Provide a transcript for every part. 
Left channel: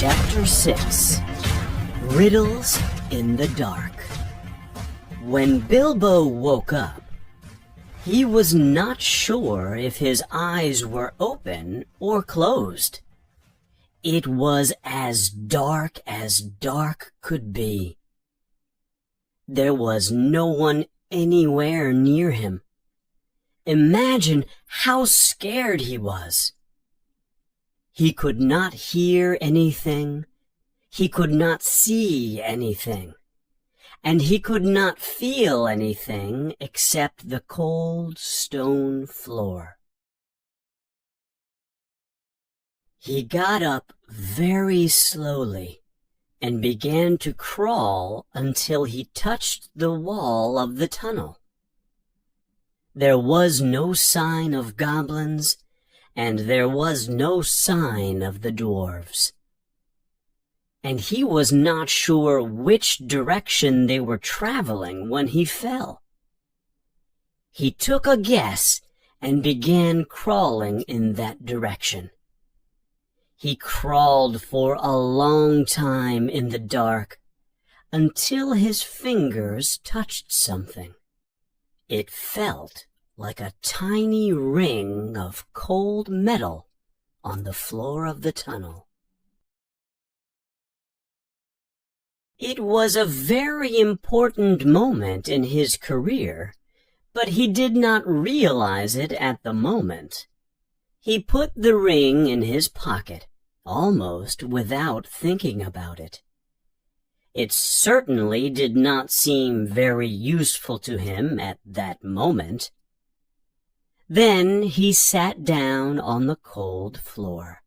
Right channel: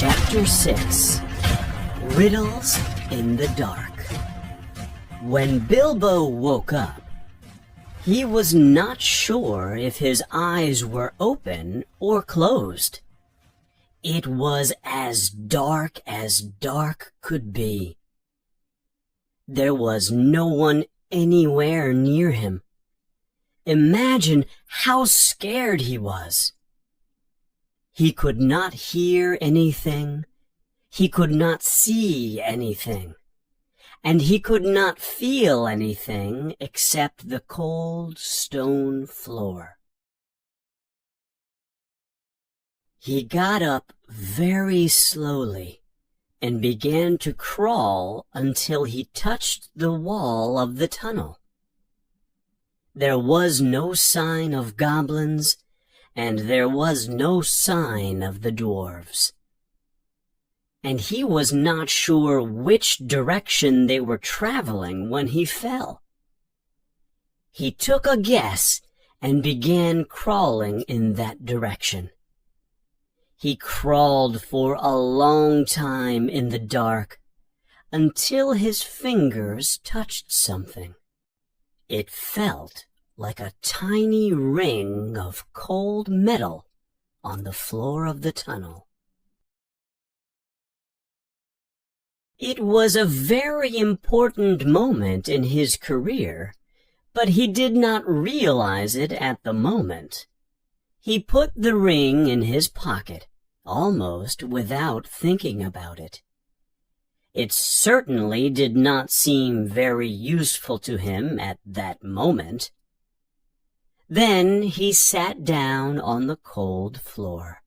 Chapter 6 Riddles in the Dark. When Bilbo woke up, he was not sure if his eyes were open or closed. It was as dark could be. There was no one anywhere near him. Imagine how scared he was. He could not hear anything, he could not see anything, and he could not feel anything except the cold stone floor. He got up very slowly and began to crawl until he touched the wall of the tunnel. There was no sign of goblins, and there was no sign of the dwarves. And he was not sure which direction they were traveling when he fell. He took a guess and began crawling in that direction. He crawled for a long time in the dark until his fingers touched something. It felt like a tiny ring of cold metal on the floor of the tunnel. It was a very important moment in his career, but he did not realize it at the moment. He put the ring in his pocket, almost without thinking about it. It certainly did not seem very useful to him at that moment. Then he sat down on the cold floor.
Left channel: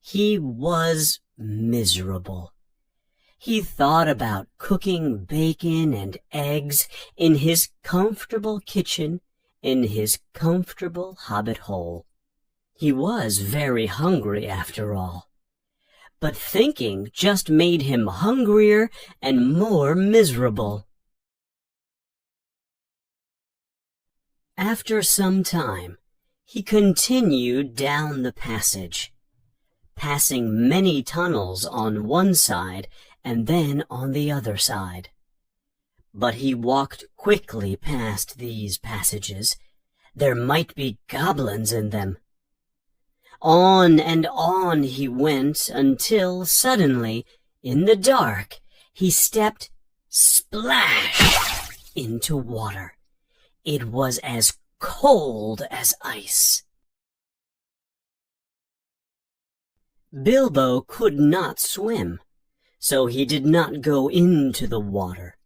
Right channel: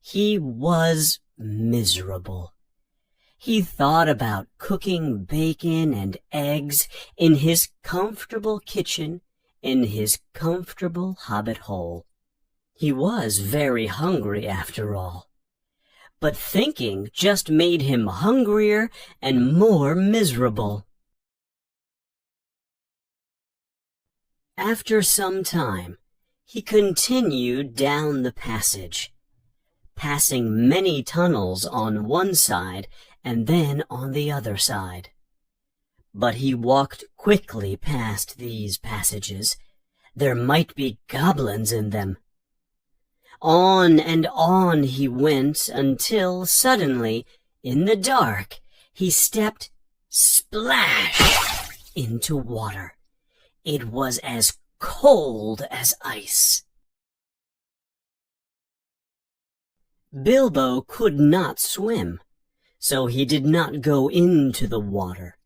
He was miserable. He thought about cooking bacon and eggs in his comfortable kitchen in his comfortable hobbit hole. He was very hungry after all. But thinking just made him hungrier and more miserable. After some time, he continued down the passage, passing many tunnels on one side and then on the other side. But he walked quickly past these passages. There might be goblins in them. On and on he went until suddenly, in the dark, he stepped splash into water. It was as cold as ice. Bilbo could not swim, so he did not go into the water.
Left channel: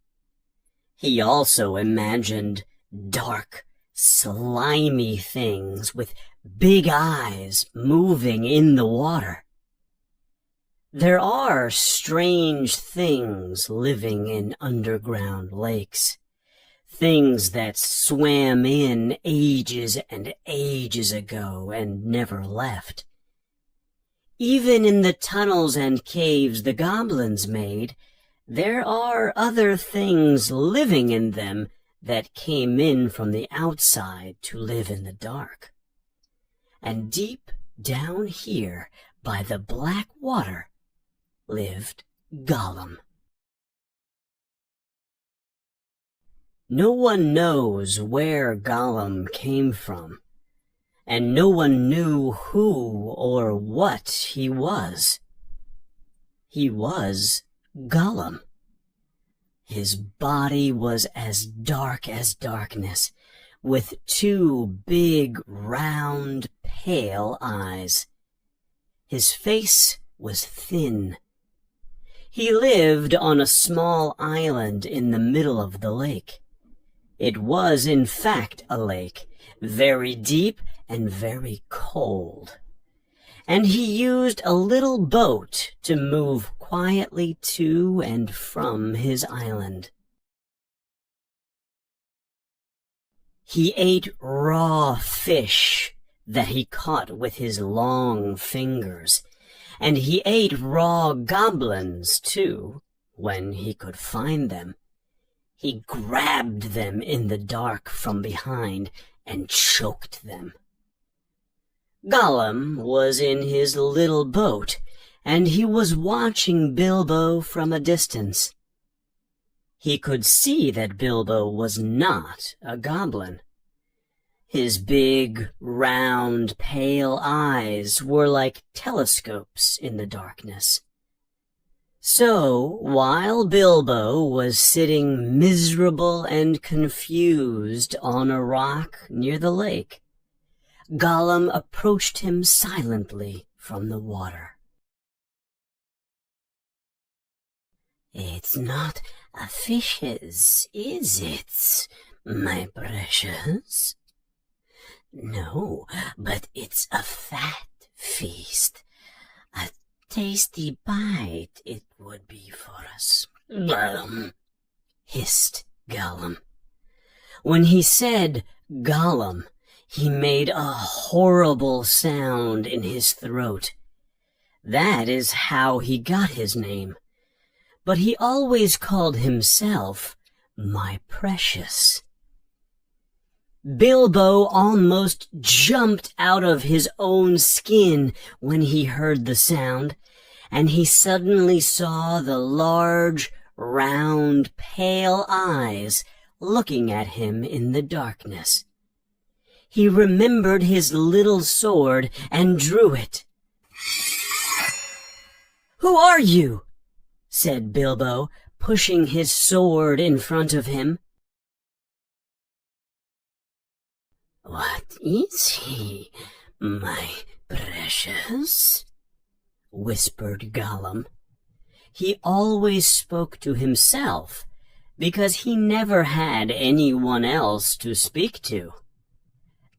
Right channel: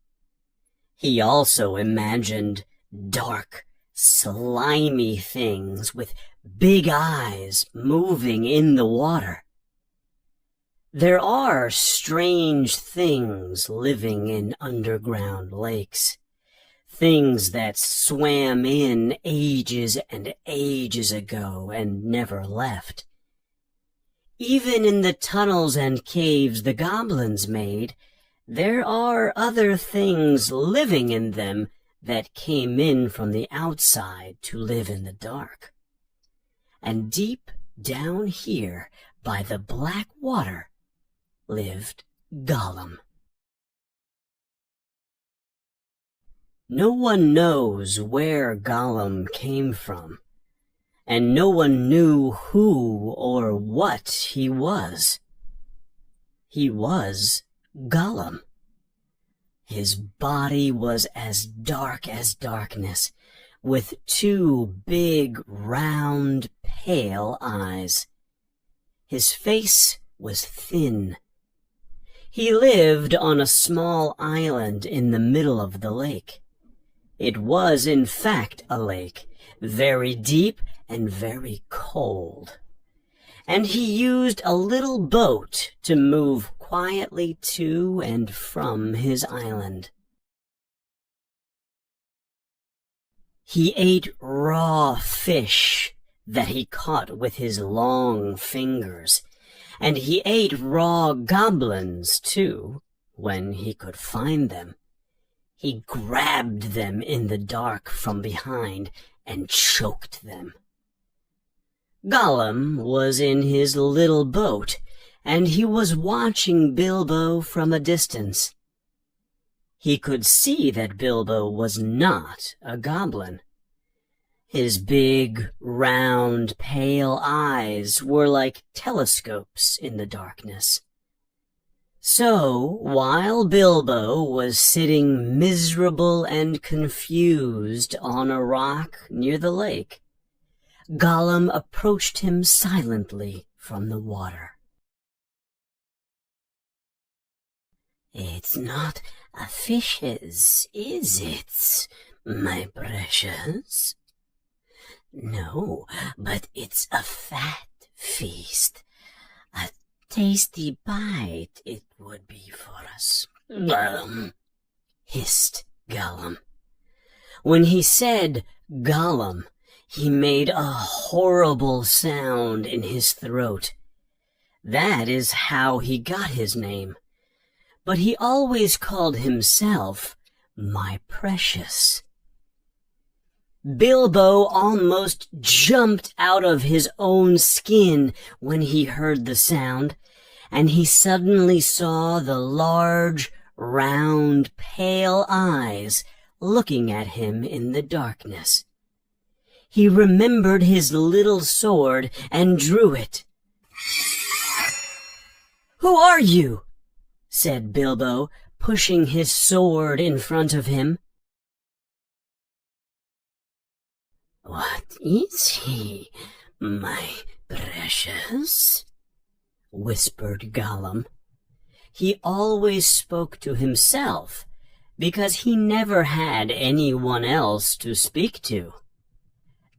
He also imagined dark, slimy things with big eyes moving in the water. There are strange things living in underground lakes. Things that swam in ages and ages ago and never left. Even in the tunnels and caves the goblins made, there are other things living in them that came in from the outside to live in the dark. And deep down here by the black water lived Gollum. No one knows where Gollum came from, and no one knew who or what he was. He was Gollum. His body was as dark as darkness, with two big, round, pale eyes. His face was thin. He lived on a small island in the middle of the lake. It was, in fact, a lake, very deep and very cold. And he used a little boat to move quietly to and from his island. He ate raw fish that he caught with his long fingers, and he ate raw goblins, too, when he could find them. He grabbed them in the dark from behind and choked them. Gollum was in his little boat, and he was watching Bilbo from a distance. He could see that Bilbo was not a goblin. His big, round, pale eyes were like telescopes in the darkness. So, while Bilbo was sitting miserable and confused on a rock near the lake, Gollum approached him silently from the water. "It's not a fish's, is it, my precious?" "No, but it's a fat feast. A tasty bite it would be for us," hissed Gollum. When he said Gollum, he made a horrible sound in his throat. That is how he got his name. But he always called himself my precious. Bilbo almost jumped out of his own skin when he heard the sound, and he suddenly saw the large, round, pale eyes looking at him in the darkness. He remembered his little sword and drew it. "Who are you?" said Bilbo, pushing his sword in front of him. "What is he, my precious?" whispered Gollum. He always spoke to himself, because he never had anyone else to speak to.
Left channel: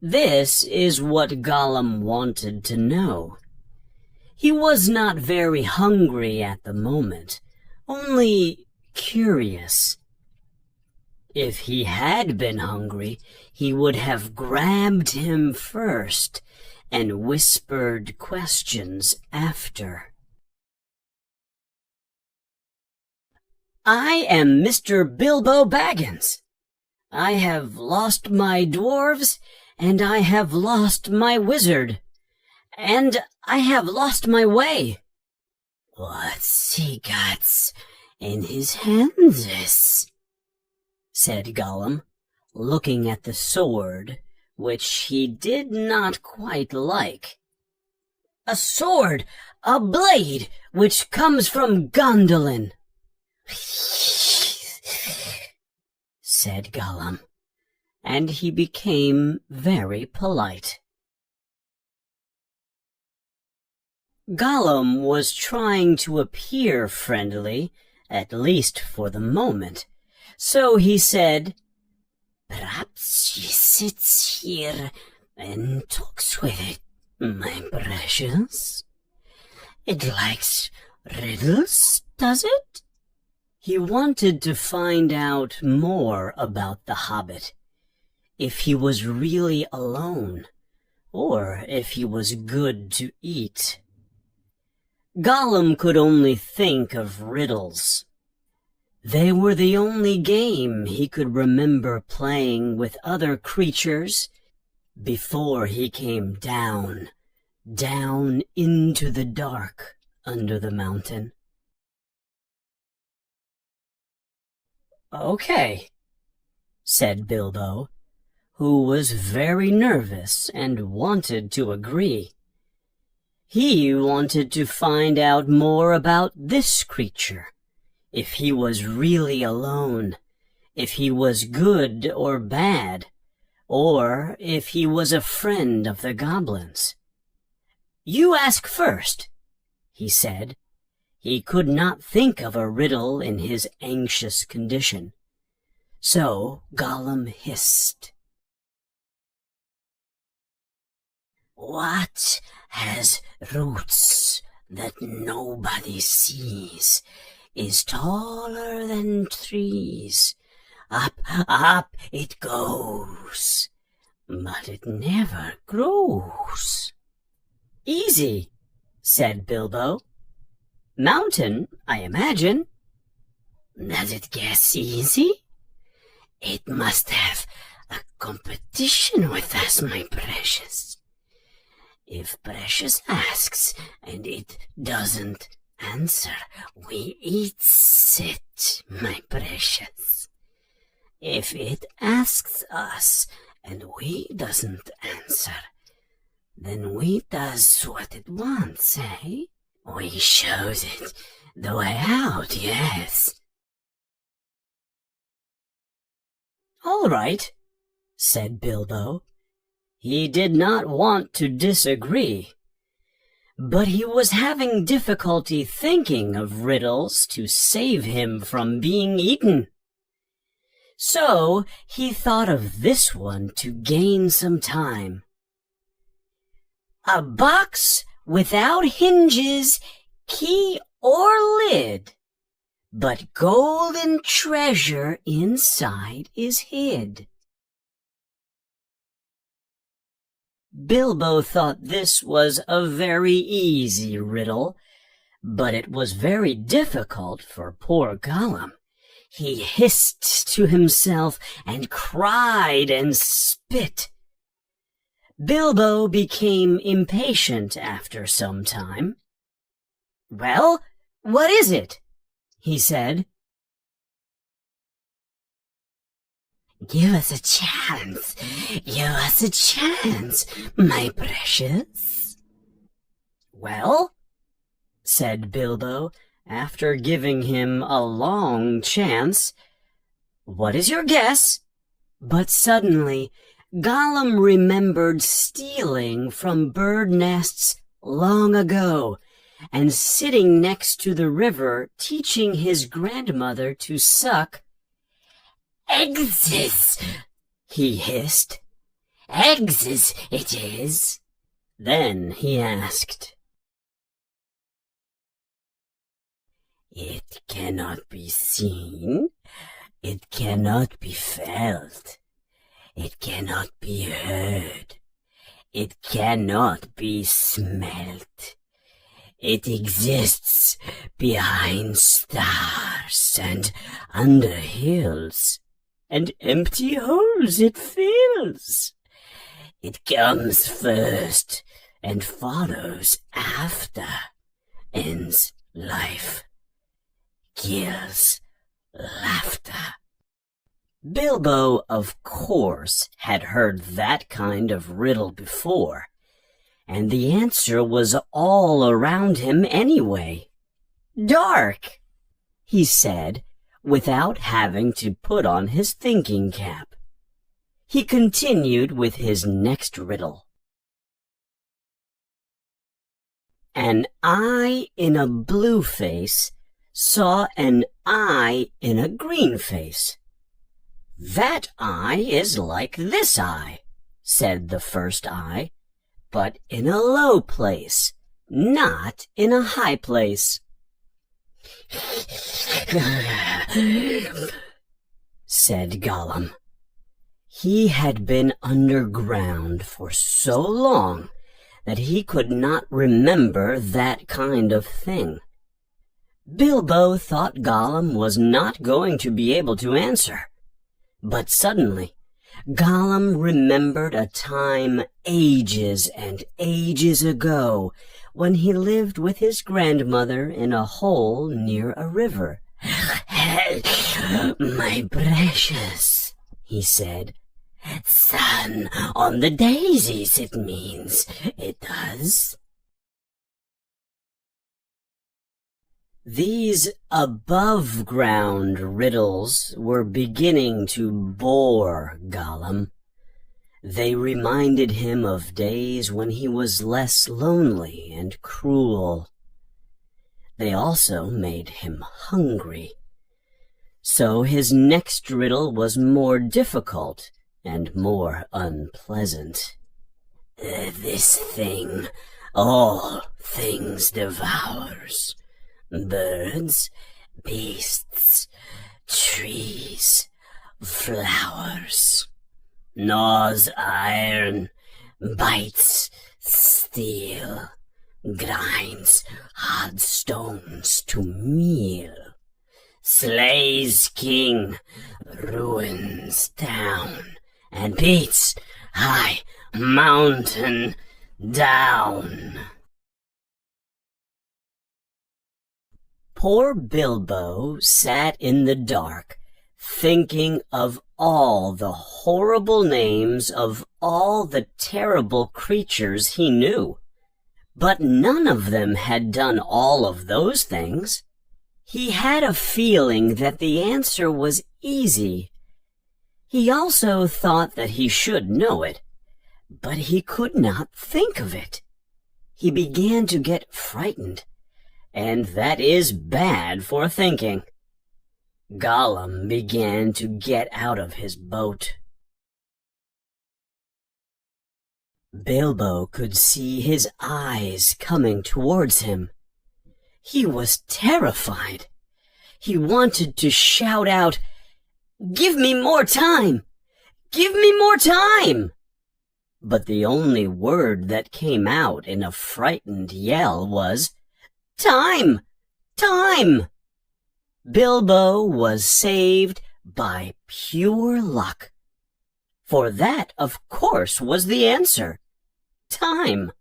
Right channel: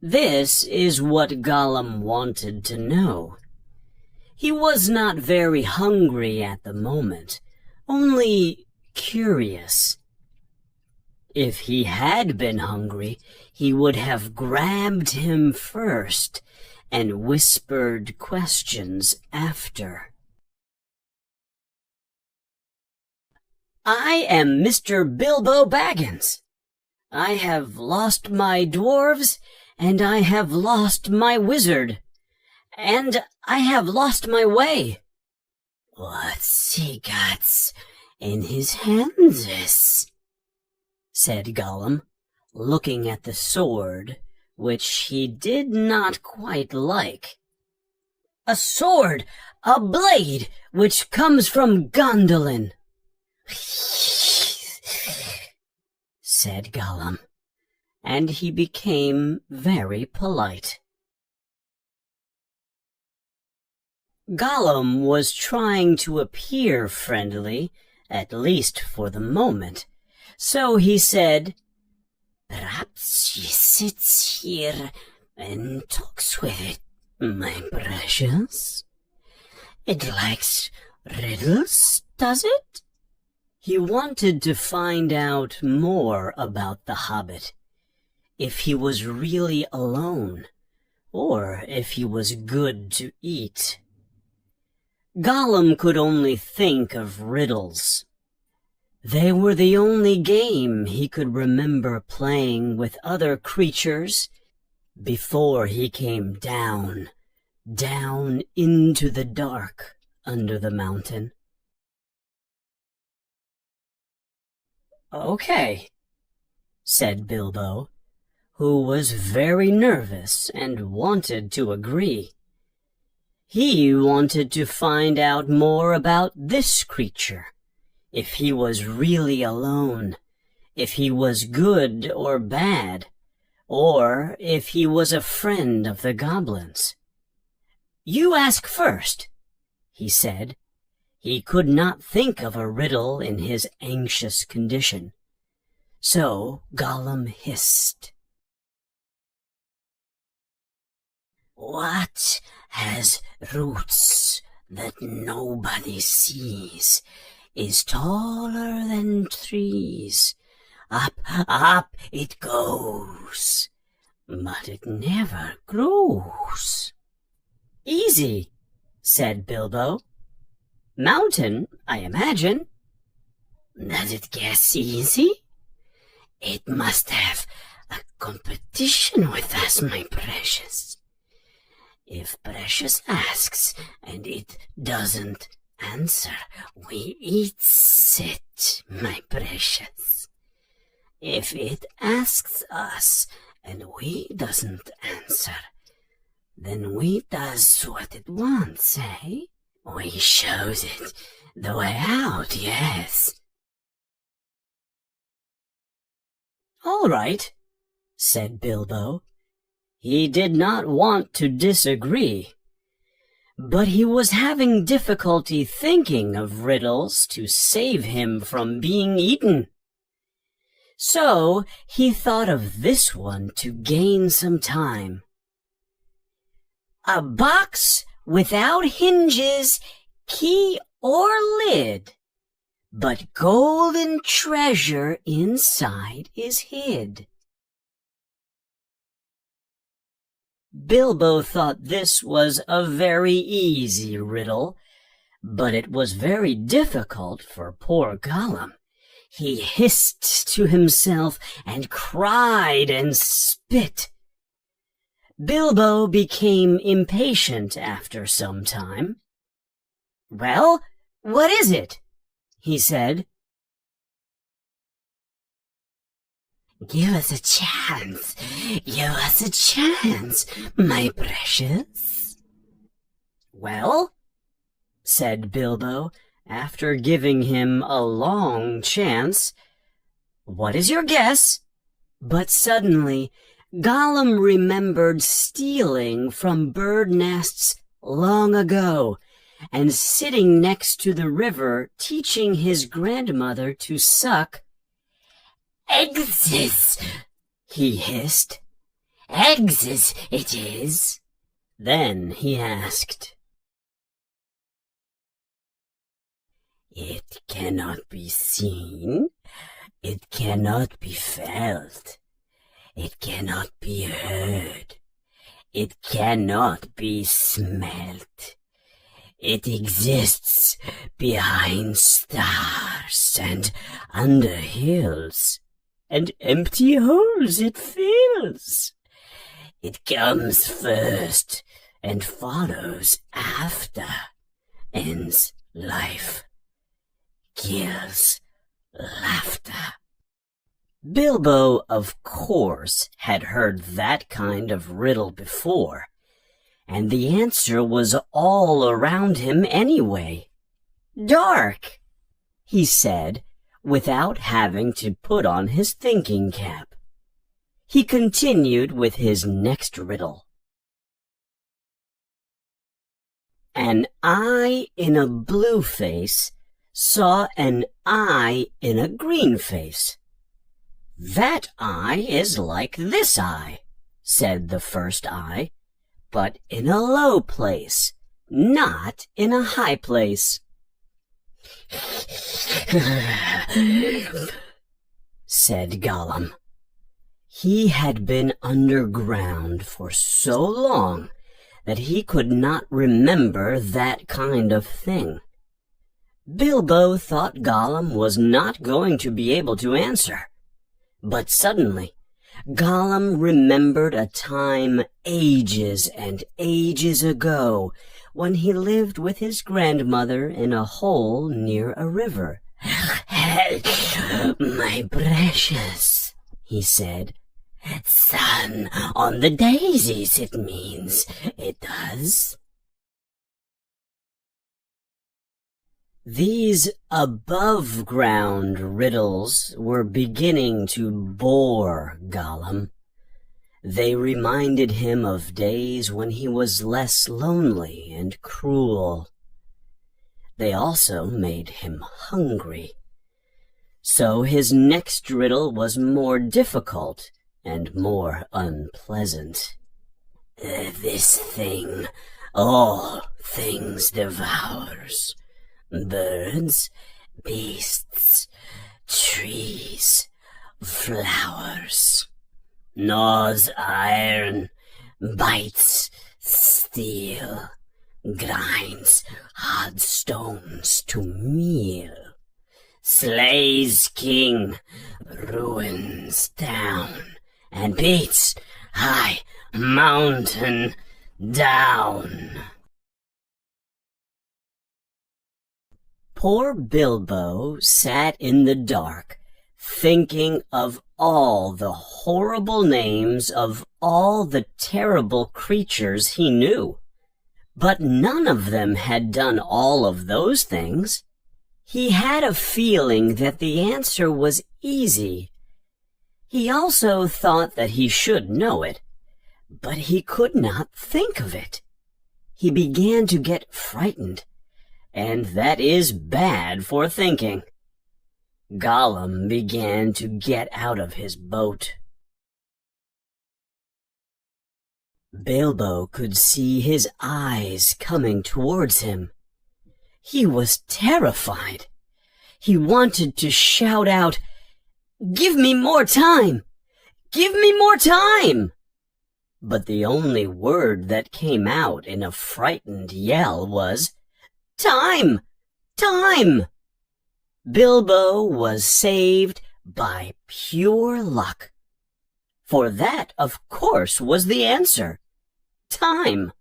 This is what Gollum wanted to know. He was not very hungry at the moment, only curious. If he had been hungry, he would have grabbed him first and whispered questions after. "I am Mr. Bilbo Baggins. I have lost my dwarves, and I have lost my wizard, and I have lost my way." "What's he got in his hands?" said Gollum, looking at the sword, which he did not quite like. "A sword, a blade, which comes from Gondolin," said Gollum, and he became very polite. Gollum was trying to appear friendly, at least for the moment, so he said, "Perhaps he sits here and talks with it, my precious. It likes riddles, does it?" He wanted to find out more about the Hobbit, if he was really alone, or if he was good to eat. Gollum could only think of riddles. They were the only game he could remember playing with other creatures before he came down into the dark under the mountain. "Okay," said Bilbo, who was very nervous and wanted to agree. He wanted to find out more about this creature, if he was really alone, if he was good or bad, or if he was a friend of the goblins. "You ask first," he said. He could not think of a riddle in his anxious condition. So Gollum hissed, "What has roots that nobody sees, is taller than trees. Up, up it goes, but it never grows." "Easy," said Bilbo. "Mountain, I imagine." "Does it guess easy? It must have a competition with us, my precious. If Precious asks and it doesn't answer, we eats it, my precious. If it asks us and we doesn't answer, then we does what it wants, eh? We shows it the way out, yes. All right, said Bilbo. He did not want to disagree, but he was having difficulty thinking of riddles to save him from being eaten. So he thought of this one to gain some time. A box without hinges, key, or lid, but golden treasure inside is hid. Bilbo thought this was a very easy riddle, but it was very difficult for poor Gollum. He hissed to himself and cried and spit. Bilbo became impatient after some time. "Well, what is it?" he said. "Give us a chance, my precious." "Well," said Bilbo, after giving him a long chance, "what is your guess?" But suddenly Gollum remembered stealing from bird nests long ago, and sitting next to the river teaching his grandmother to suck. "Eggs," he hissed. "Eggs it is." Then he asked, "It cannot be seen, it cannot be felt, it cannot be heard, it cannot be smelt. It exists behind stars and under hills, and empty holes it fills. It comes first and follows after, ends life, kills laughter." Bilbo, of course, had heard that kind of riddle before, and the answer was all around him anyway. "Dark," he said, without having to put on his thinking cap. He continued with his next riddle. An eye in a blue face saw an eye in a green face. "That eye is like this eye," said the first eye, "but in a low place, not in a high place." said Gollum. He had been underground for so long that he could not remember that kind of thing. Bilbo thought Gollum was not going to be able to answer. But suddenly, Gollum remembered a time ages and ages ago when he lived with his grandmother in a hole near a river. "My precious," he said. "Sun on the daisies, it means, it does." These above-ground riddles were beginning to bore Gollum. They reminded him of days when he was less lonely and cruel. They also made him hungry. So his next riddle was more difficult and more unpleasant. "This thing all things devours. Birds, beasts, trees, flowers. Gnaws iron, bites steel, grinds hard stones to meal. Slays king, ruins town, and beats high mountain Down. Poor Bilbo sat in the dark, thinking of all the horrible names of all the terrible creatures he knew. But none of them had done all of those things. He had a feeling that the answer was easy. He also thought that he should know it, but he could not think of it. He began to get frightened, and that is bad for thinking. Gollum began to get out of his boat. Bilbo could see his eyes coming towards him. He was terrified. He wanted to shout out, "Give me more time! Give me more time!" But the only word that came out in a frightened yell was, "Time! Time!" Bilbo was saved by pure luck. For that, of course, was the answer. Time.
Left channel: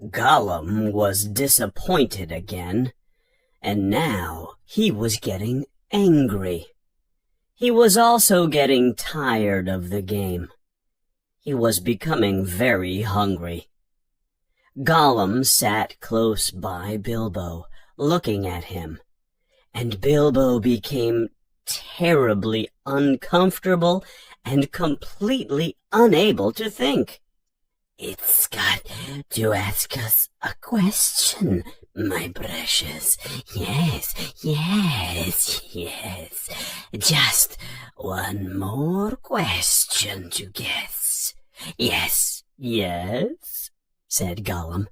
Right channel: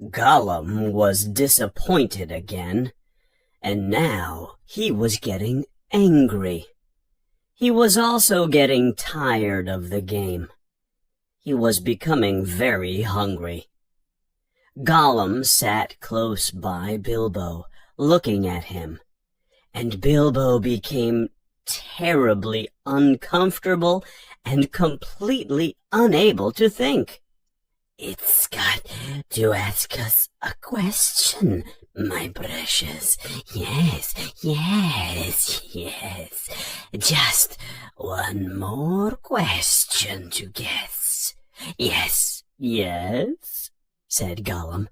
Gollum was disappointed again, and now he was getting angry. He was also getting tired of the game. He was becoming very hungry. Gollum sat close by Bilbo, looking at him, and Bilbo became terribly uncomfortable and completely unable to think. "It's got to ask us a question, my precious. Yes, yes, yes. Just one more question to guess. Yes, yes," said Gollum.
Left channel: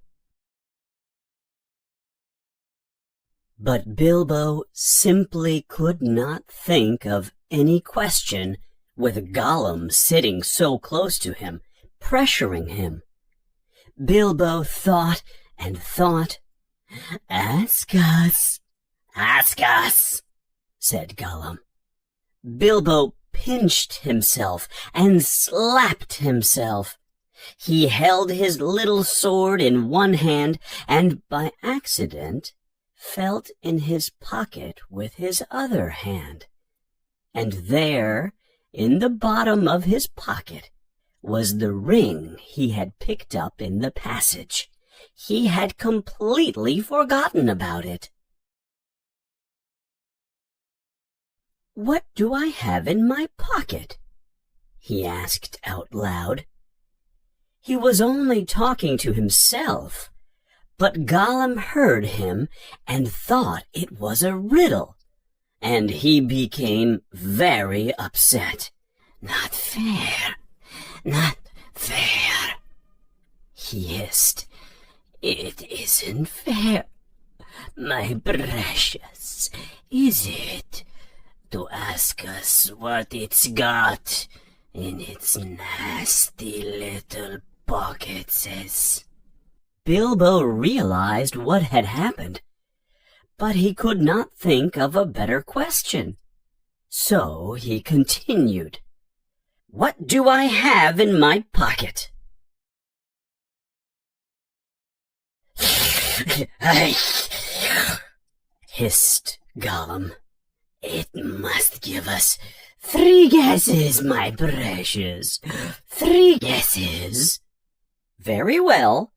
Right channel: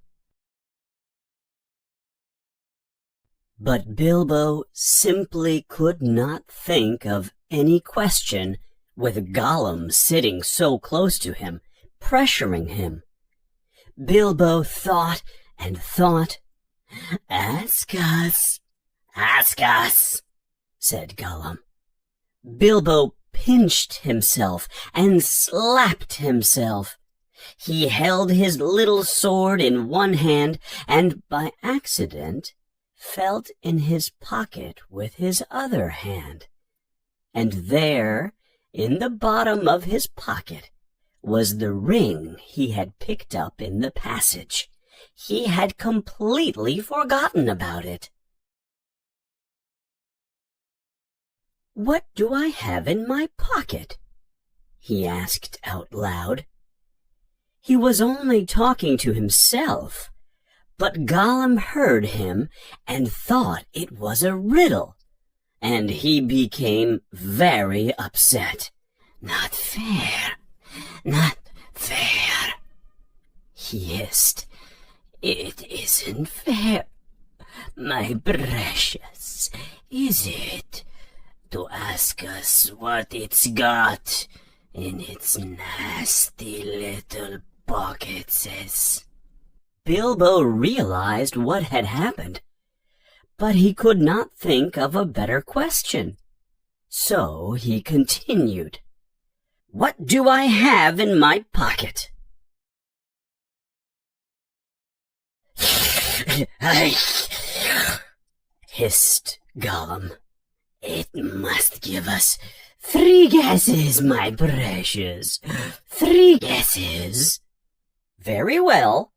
But Bilbo simply could not think of any question with Gollum sitting so close to him, pressuring him. Bilbo thought and thought. "Ask us, said Gollum. Bilbo pinched himself and slapped himself. He held his little sword in one hand and by accident felt in his pocket with his other hand. And there, in the bottom of his pocket, was the ring he had picked up in the passage. He had completely forgotten about it. "What do I have in my pocket?" he asked out loud. He was only talking to himself, but Gollum heard him and thought it was a riddle, and he became very upset. "Not fair, not fair," he hissed. "It isn't fair, my precious, is it, to ask us what it's got in its nasty little pockets?" Bilbo realized what had happened, but he could not think of a better question. So he continued, "What do I have in my pocket?" hissed Gollum. "It must give us 3 guesses, my precious. 3 guesses." "Very well.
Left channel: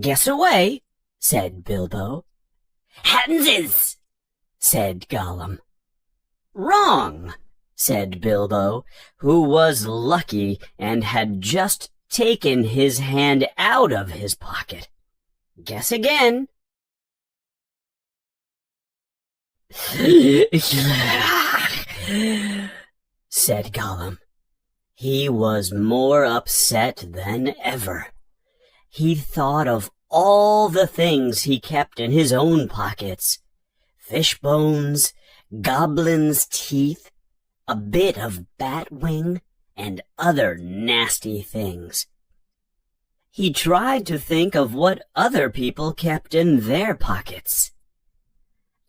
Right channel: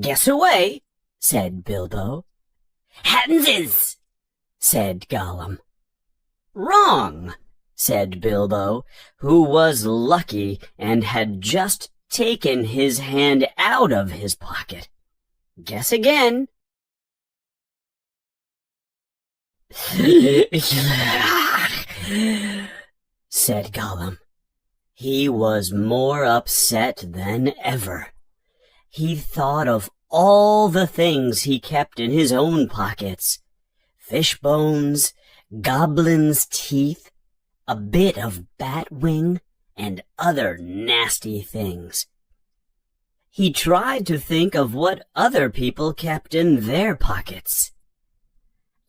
Guess away," said Bilbo. "Hanses," said Gollum. "Wrong," said Bilbo, who was lucky and had just taken his hand out of his pocket. "Guess again." said Gollum. He was more upset than ever. He thought of all the things he kept in his own pockets. Fish bones, goblin's teeth, a bit of bat wing, and other nasty things. He tried to think of what other people kept in their pockets.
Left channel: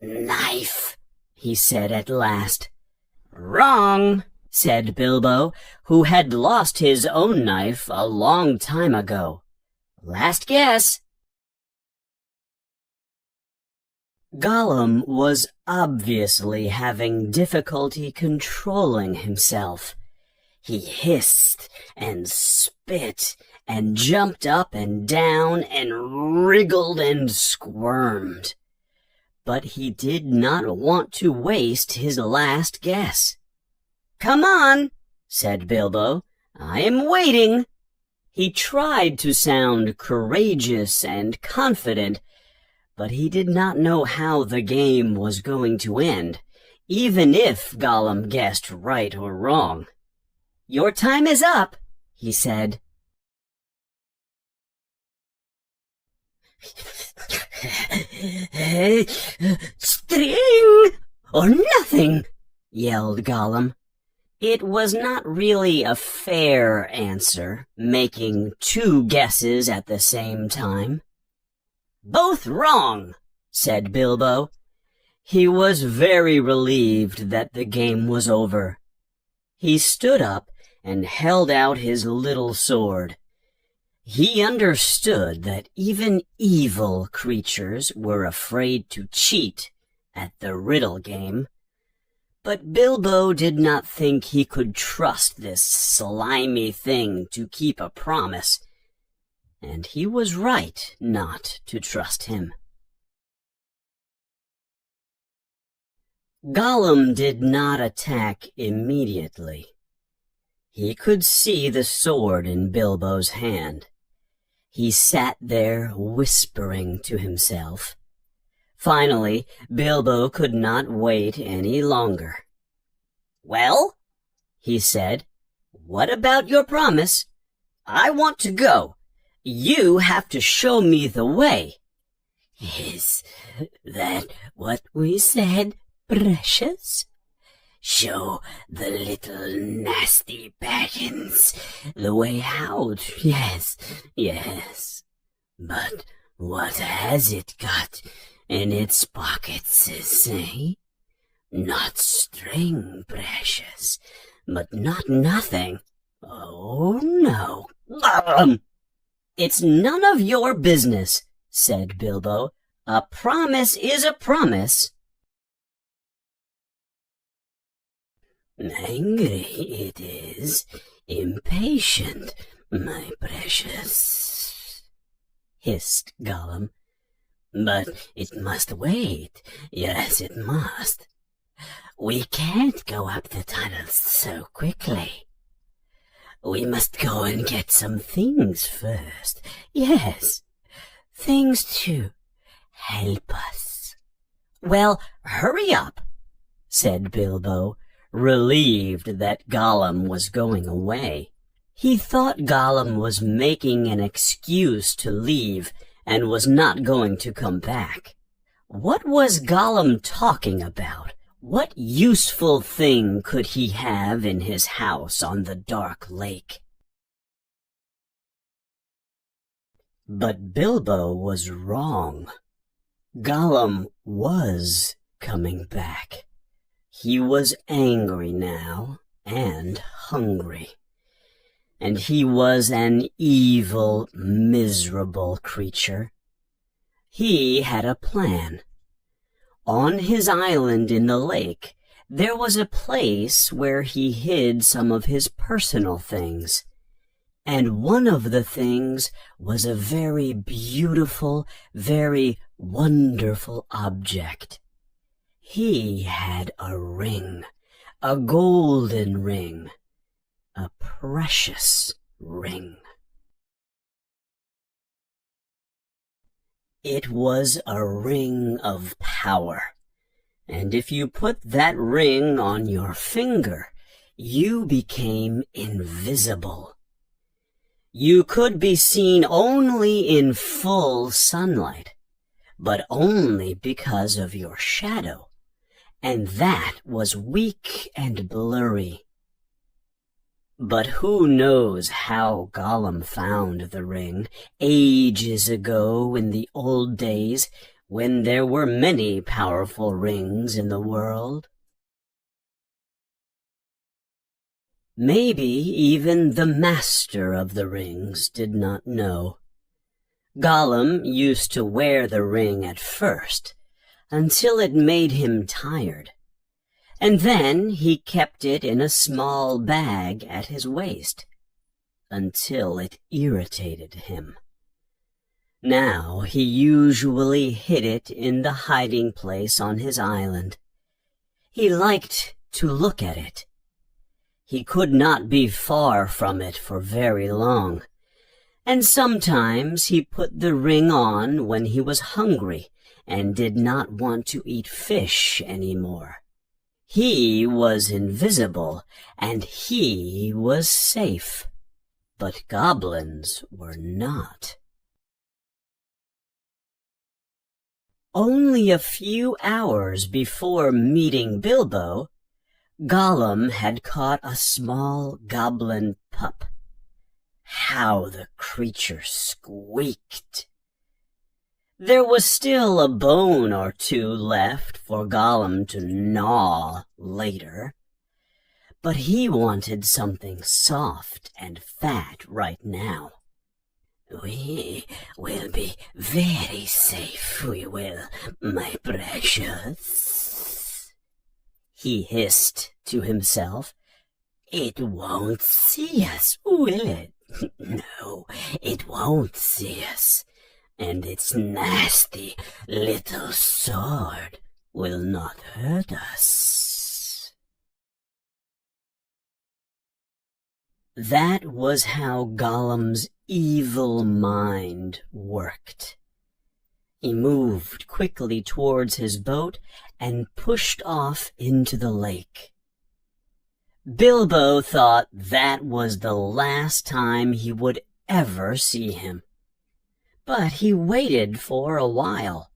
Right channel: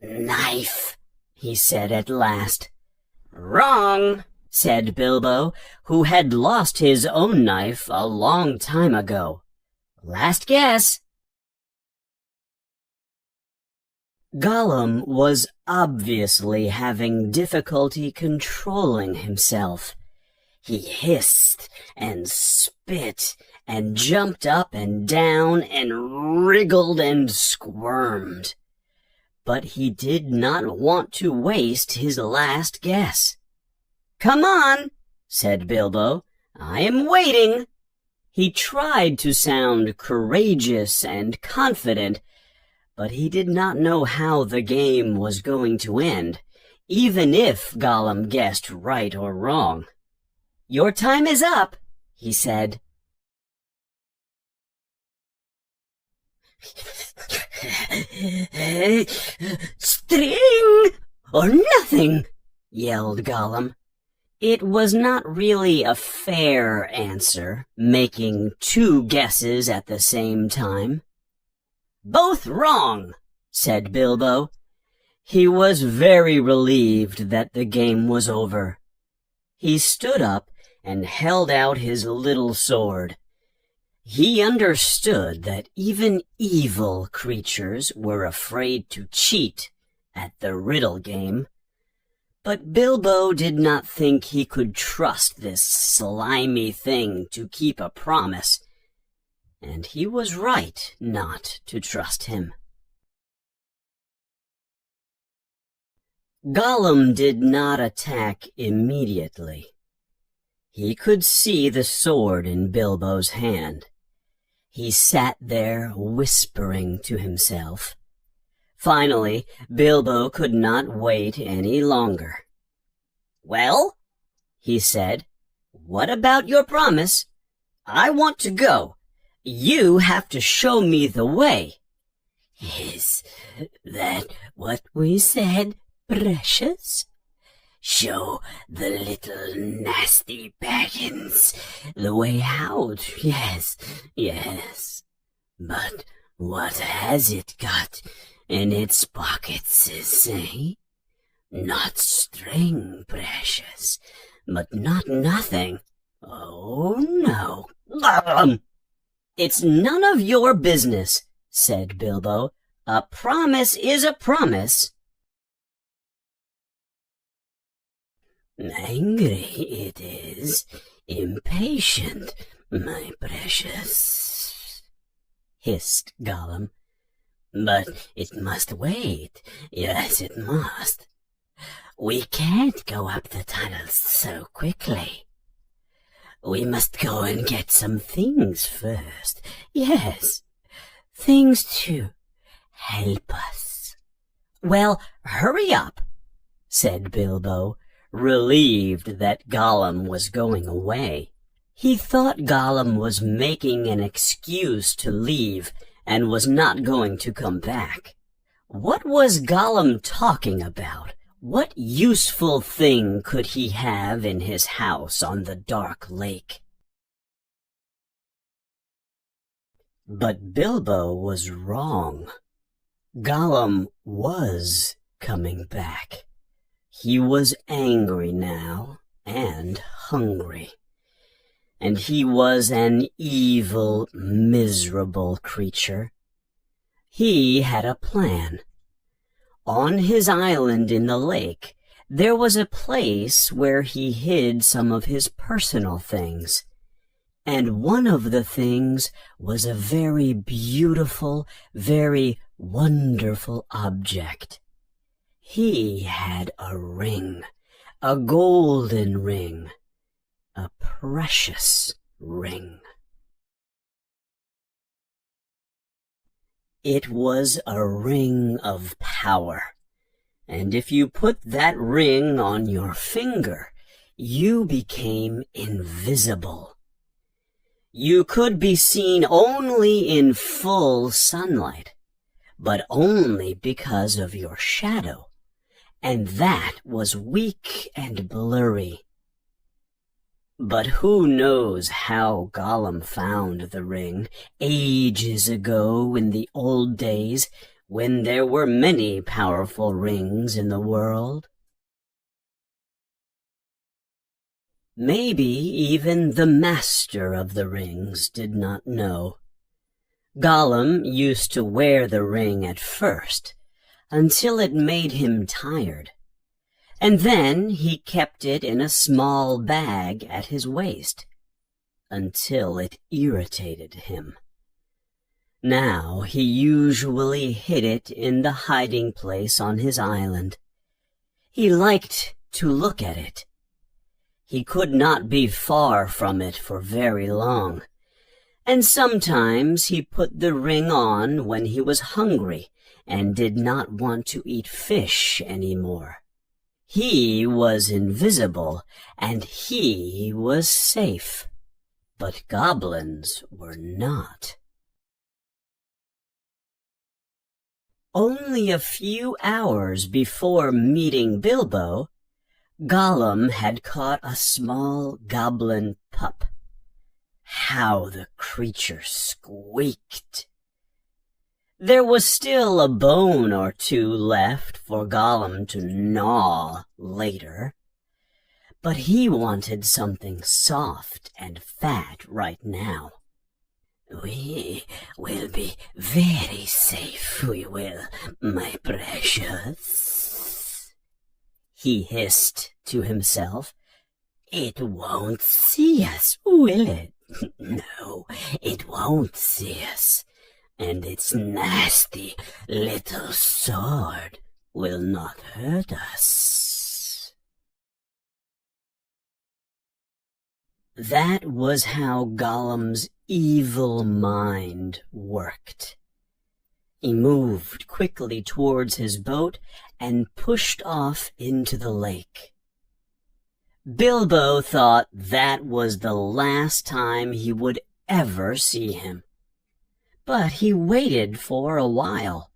"Knife," he said at last. "Wrong," said Bilbo, who had lost his own knife a long time ago. Last guess. Gollum was obviously having difficulty controlling himself. He hissed and spit and jumped up and down and wriggled and squirmed. But he did not want to waste his last guess. "Come on," said Bilbo. "I am waiting." He tried to sound courageous and confident, but he did not know how the game was going to end, even if Gollum guessed right or wrong. "Your time is up," he said. "String or nothing," yelled Gollum. It was not really a fair answer, making two guesses at the same time. "Both wrong," said Bilbo. He was very relieved that the game was over. He stood up and held out his little sword. He understood that even evil creatures were afraid to cheat at the riddle game. But Bilbo did not think he could trust this slimy thing to keep a promise, and he was right not to trust him. Gollum did not attack immediately. He could see the sword in Bilbo's hand. He sat there whispering to himself. Finally, Bilbo could not wait any longer. "Well," he said, "what about your promise? I want to go. You have to show me the way." "Is that what we said, precious? Show the little nasty Baggins the way out, yes, yes. But what has it got in its pockets, eh? Not string, precious, but not nothing. Oh, no." "It's none of your business," said Bilbo. "A promise is a promise." "Angry it is, impatient, my precious," hissed Gollum. "But it must wait, yes, it must. We can't go up the tunnels so quickly. We must go and get some things first, yes, things to help us." "Well, hurry up," said Bilbo, relieved that Gollum was going away. He thought Gollum was making an excuse to leave and was not going to come back. What was Gollum talking about? What useful thing could he have in his house on the dark lake? But Bilbo was wrong. Gollum was coming back. He was angry now and hungry. And he was an evil, miserable creature. He had a plan. On his island in the lake, there was a place where he hid some of his personal things. And one of the things was a very beautiful, very wonderful object. He had a ring, a golden ring, a precious ring. It was a ring of power, and if you put that ring on your finger, you became invisible. You could be seen only in full sunlight, but only because of your shadow, and that was weak and blurry. But who knows how Gollum found the ring ages ago in the old days when there were many powerful rings in the world? Maybe even the master of the rings did not know. Gollum used to wear the ring at first, until it made him tired, and then he kept it in a small bag at his waist, until it irritated him. Now he usually hid it in the hiding place on his island. He liked to look at it. He could not be far from it for very long, and sometimes he put the ring on when he was hungry and did not want to eat fish any more. He was invisible, and he was safe, but goblins were not. Only a few hours before meeting Bilbo, Gollum had caught a small goblin pup. How the creature squeaked! There was still a bone or two left for Gollum to gnaw later, but he wanted something soft and fat right now. "We will be very safe, we will, my precious," he hissed to himself. "It won't see us, will it? No, it won't see us, and its nasty little sword will not hurt us." That was how Gollum's evil mind worked. He moved quickly towards his boat and pushed off into the lake. Bilbo thought that was the last time he would ever see him. But he waited for a while.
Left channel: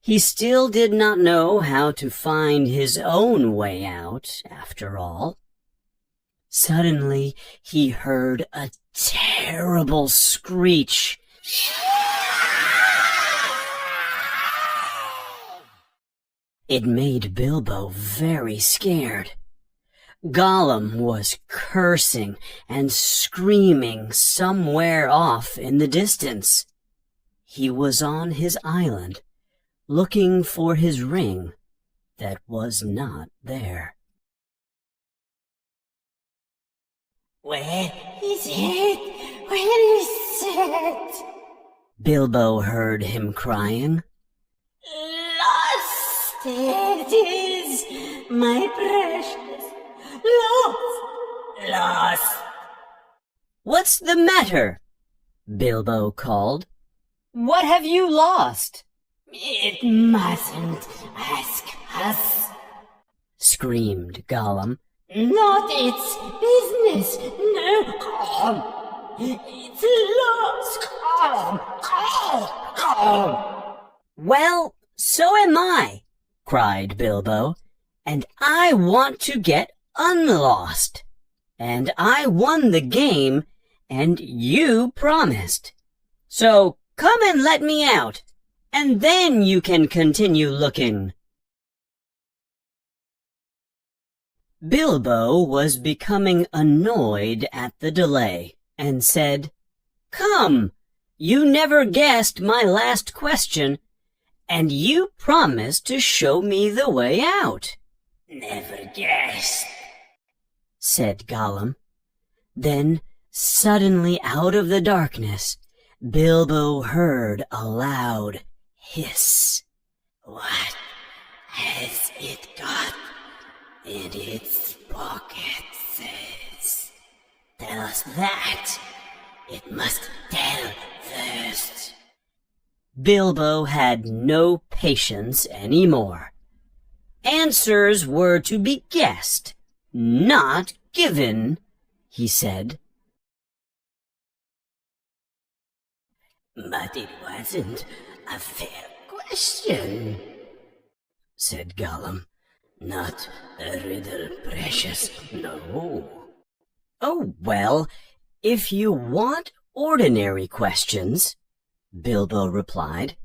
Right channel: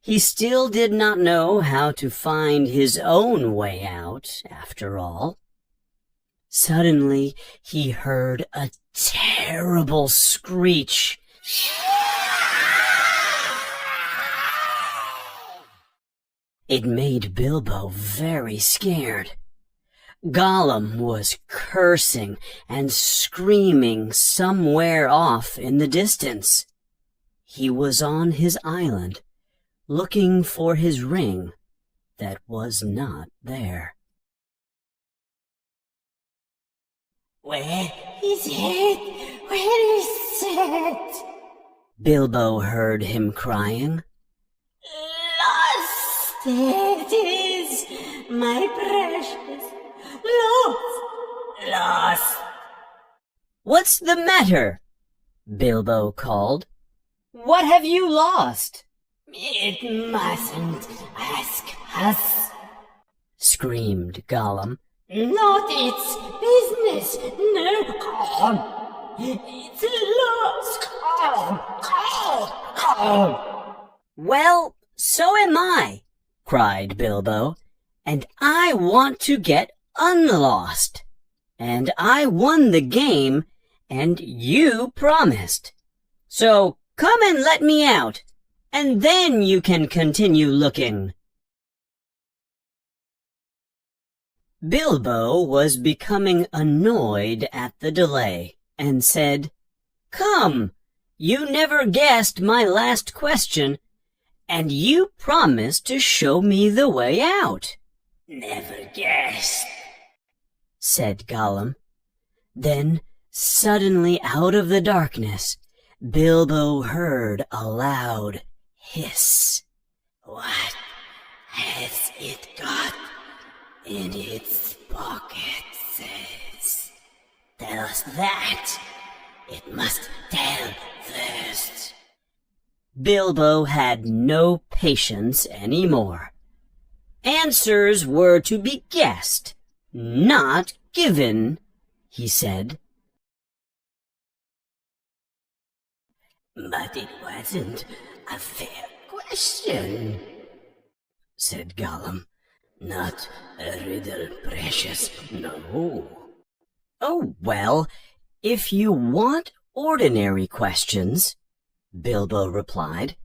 He still did not know how to find his own way out, after all. Suddenly he heard a terrible screech. It made Bilbo very scared. Gollum was cursing and screaming somewhere off in the distance. He was on his island, looking for his ring that was not there. "Where is it? Where is it?" Bilbo heard him crying. "Lost it is, my precious. Lost. "What's the matter?" Bilbo called. "What have you lost?" "It mustn't ask us," screamed Gollum. "Not its business, no. It's lost." "Well, so am I," cried Bilbo, "and I want to get unlost. And I won the game, and you promised. So come and let me out, and then you can continue looking." Bilbo was becoming annoyed at the delay, and said, "Come, you never guessed my last question, and you promised to show me the way out." "Never guessed," said Gollum. Then, suddenly out of the darkness, Bilbo heard a loud hiss. "What has it got in its pockets? Tell us that. It must tell first." Bilbo had no patience any more. Answers were to be guessed, not given, he said. "But it wasn't a fair question," said Gollum. "Not a riddle, precious, no." "Oh, well, if you want ordinary questions," Bilbo replied,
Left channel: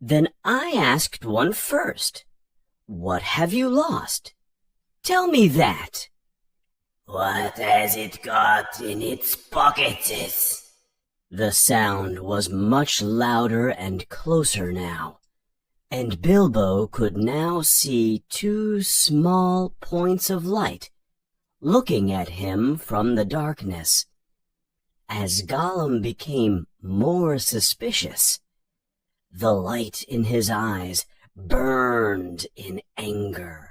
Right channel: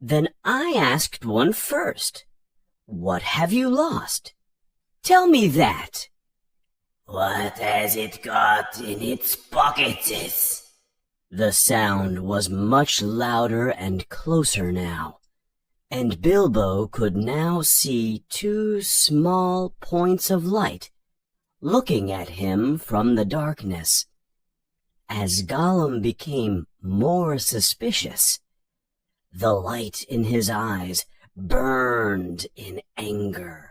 "then I asked one first. What have you lost? Tell me that." What has it got in its pockets? The sound was much louder and closer now, and Bilbo could now see two small points of light looking at him from the darkness. As Gollum became more suspicious, the light in his eyes burned in anger.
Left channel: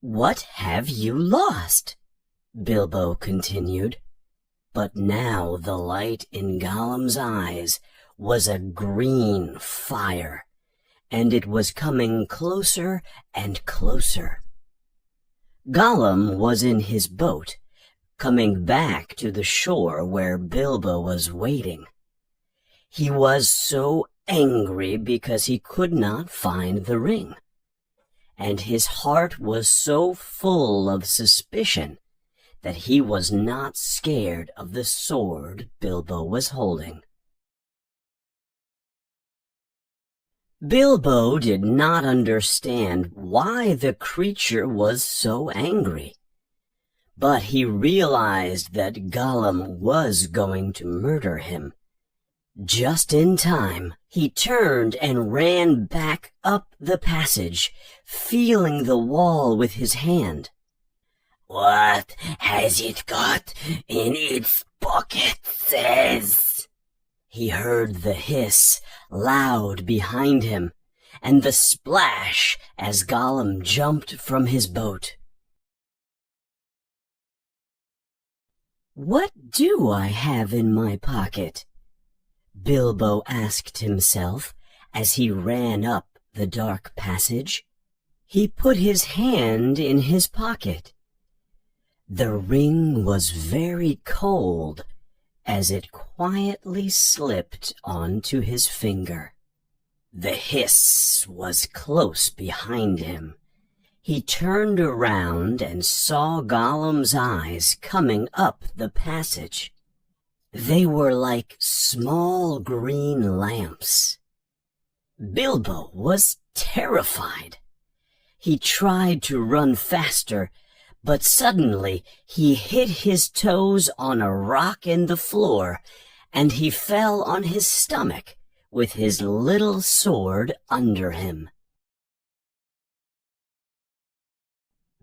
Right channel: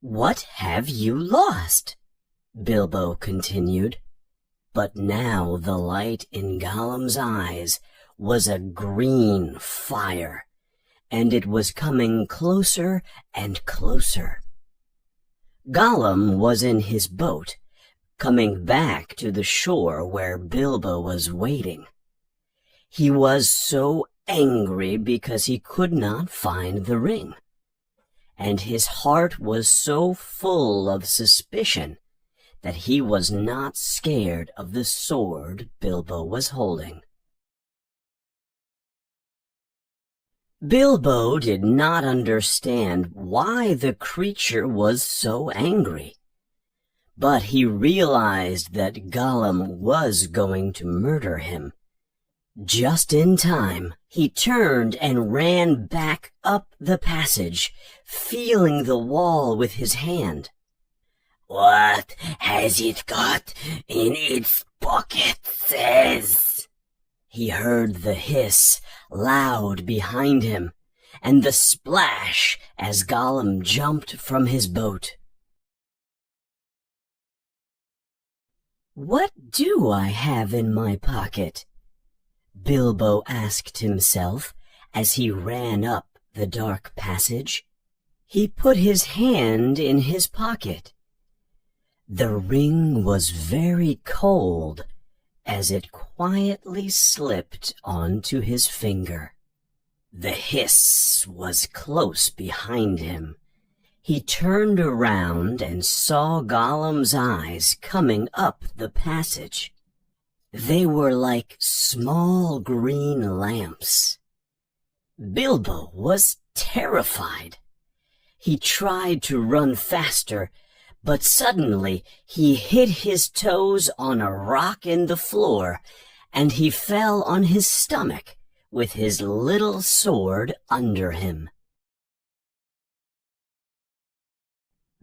"What have you lost?" Bilbo continued, but now the light in Gollum's eyes was a green fire, and it was coming closer and closer. Gollum was in his boat, coming back to the shore where Bilbo was waiting. He was so angry because he could not find the ring, and his heart was so full of suspicion that he was not scared of the sword Bilbo was holding. Bilbo did not understand why the creature was so angry, but he realized that Gollum was going to murder him. Just in time, he turned and ran back up the passage, feeling the wall with his hand. "What has it got in its pockets?" He heard the hiss loud behind him, and the splash as Gollum jumped from his boat. "What do I have in my pocket?" Bilbo asked himself as he ran up the dark passage. He put his hand in his pocket. The ring was very cold as it quietly slipped onto his finger. The hiss was close behind him. He turned around and saw Gollum's eyes coming up the passage. They were like small green lamps. Bilbo was terrified. He tried to run faster, but suddenly he hit his toes on a rock in the floor, and he fell on his stomach with his little sword under him.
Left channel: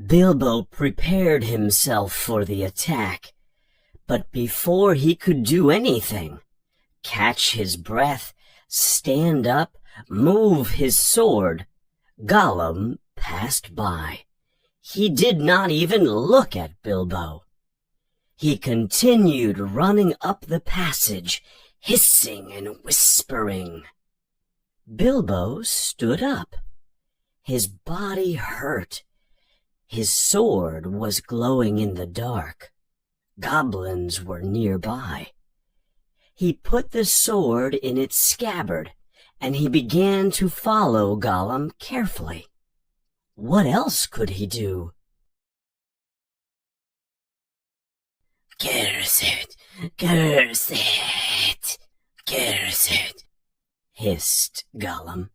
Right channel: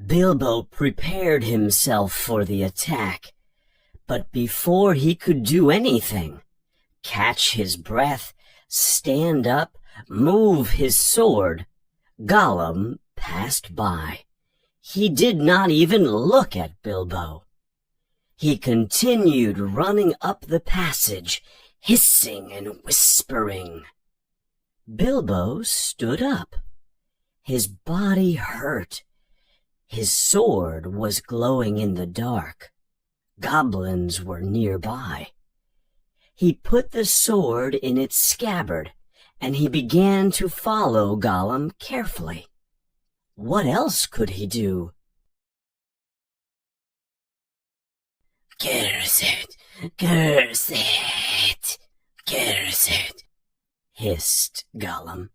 Bilbo prepared himself for the attack, but before he could do anything, catch his breath, stand up, move his sword, Gollum passed by. He did not even look at Bilbo. He continued running up the passage, hissing and whispering. Bilbo stood up. His body hurt. His sword was glowing in the dark. Goblins were nearby. He put the sword in its scabbard, and he began to follow Gollum carefully. What else could he do? "Curse it! Curse it! Curse it!" hissed Gollum.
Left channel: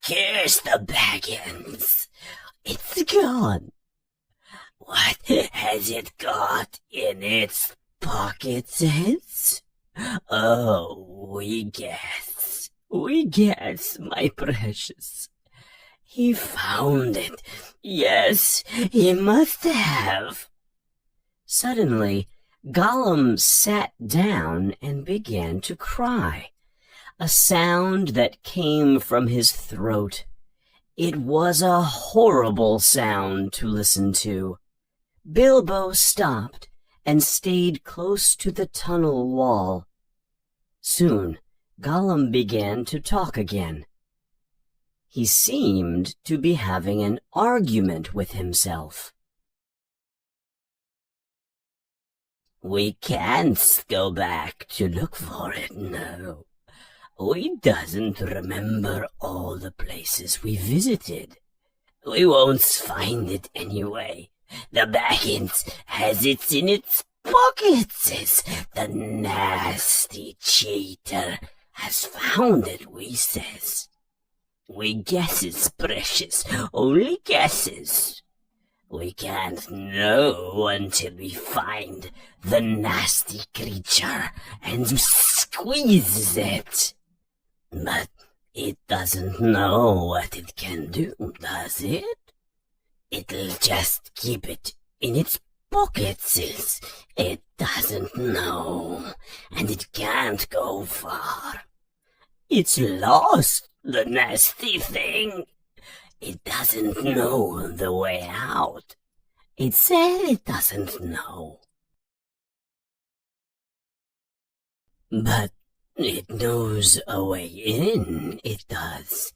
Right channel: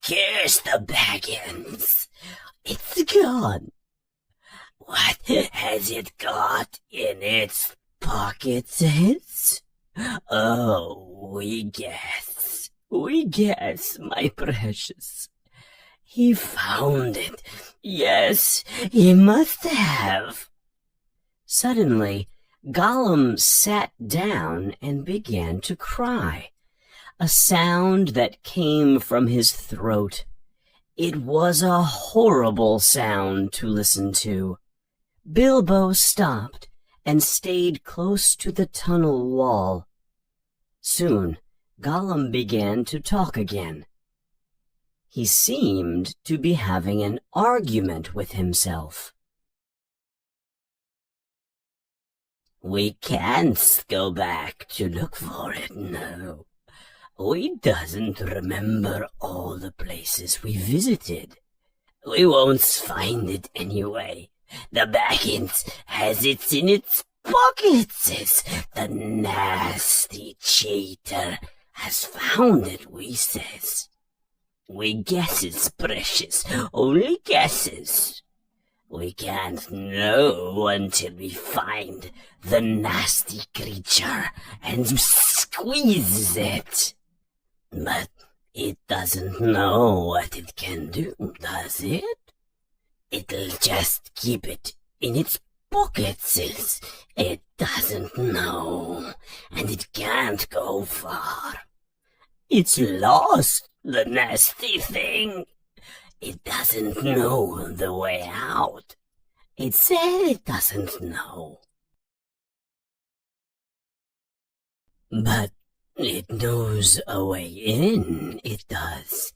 "Curse the Baggins! It's gone! What has it got in its pockets? Oh, we guess, my precious. He found it. Yes, he must have." Suddenly, Gollum sat down and began to cry, a sound that came from his throat. It was a horrible sound to listen to. Bilbo stopped and stayed close to the tunnel wall. Soon, Gollum began to talk again. He seemed to be having an argument with himself. "We can't go back to look for it, no. We doesn't remember all the places we visited. We won't find it anyway. The Baggins has it in its pockets. The nasty cheater has found it, we says. We guesses, precious, only guesses. We can't know until we find the nasty creature and squeeze it. But it doesn't know what it can do, does it? It'll just keep it in its pockets. It doesn't know, and it can't go far. It's lost, the nasty thing. It doesn't know the way out. It said it doesn't know. But it knows a way in, it does.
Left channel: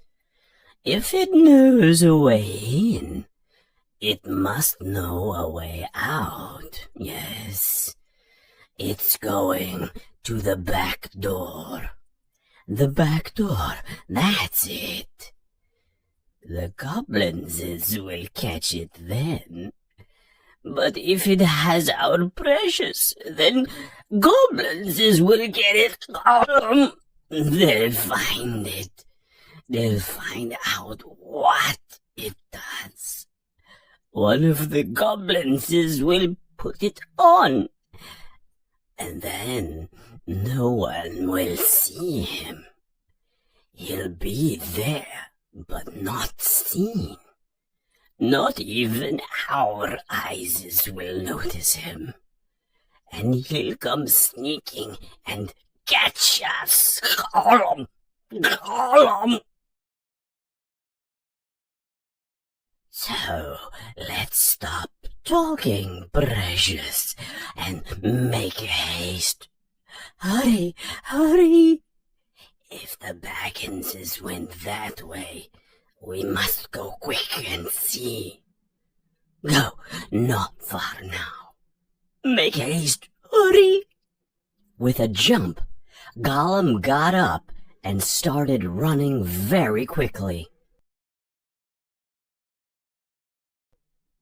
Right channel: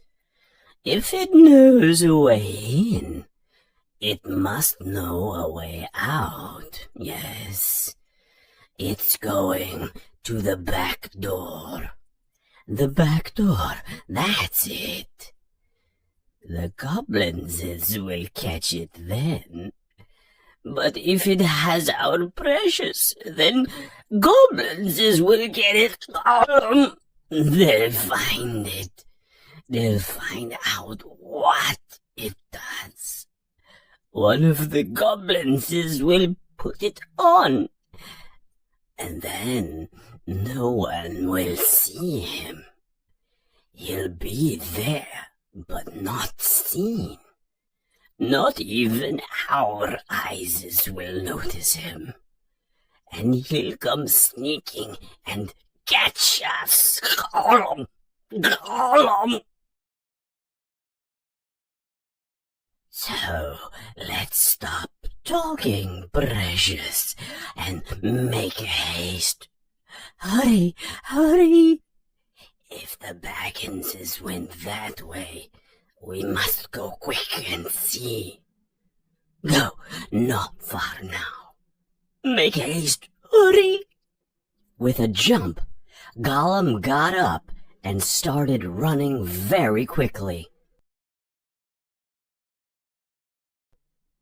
If it knows a way in, it must know a way out, yes. It's going to the back door. The back door, that's it. The goblins will catch it then. But if it has our precious, then goblins will get it. They'll find it. They'll find out what it does. One of the goblins will put it on. And then no one will see him. He'll be there, but not seen. Not even our eyes will notice him. And he'll come sneaking and catch us. So let's stop talking, precious, and make haste. Hurry, hurry. If the Bagginses went that way, we must go quick and see. Go, not far now. Make haste, hurry. With a jump, Gollum got up and started running very quickly.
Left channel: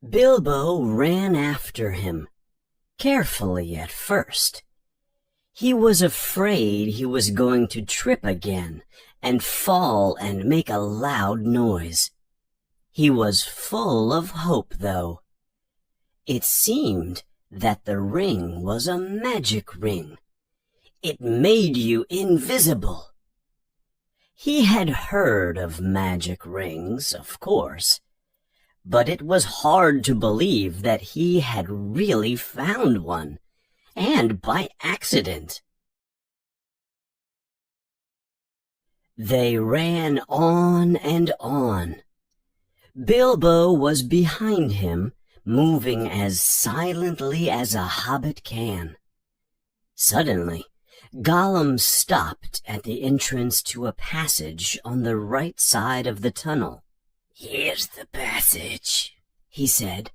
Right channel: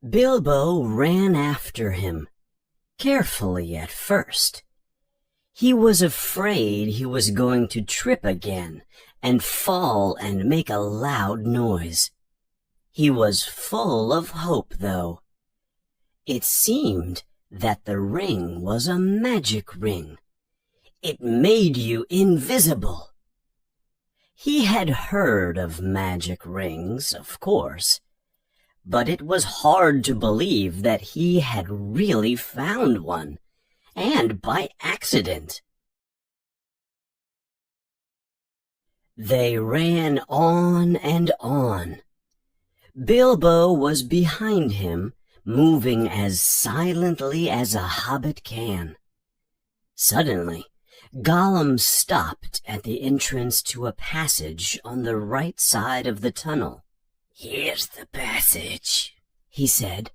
Bilbo ran after him, carefully at first. He was afraid he was going to trip again and fall and make a loud noise. He was full of hope, though. It seemed that the ring was a magic ring. It made you invisible. He had heard of magic rings, of course, but it was hard to believe that he had really found one, and by accident. They ran on and on. Bilbo was behind him, moving as silently as a hobbit can. Suddenly, Gollum stopped at the entrance to a passage on the right side of the tunnel. "Here's the passage," he said.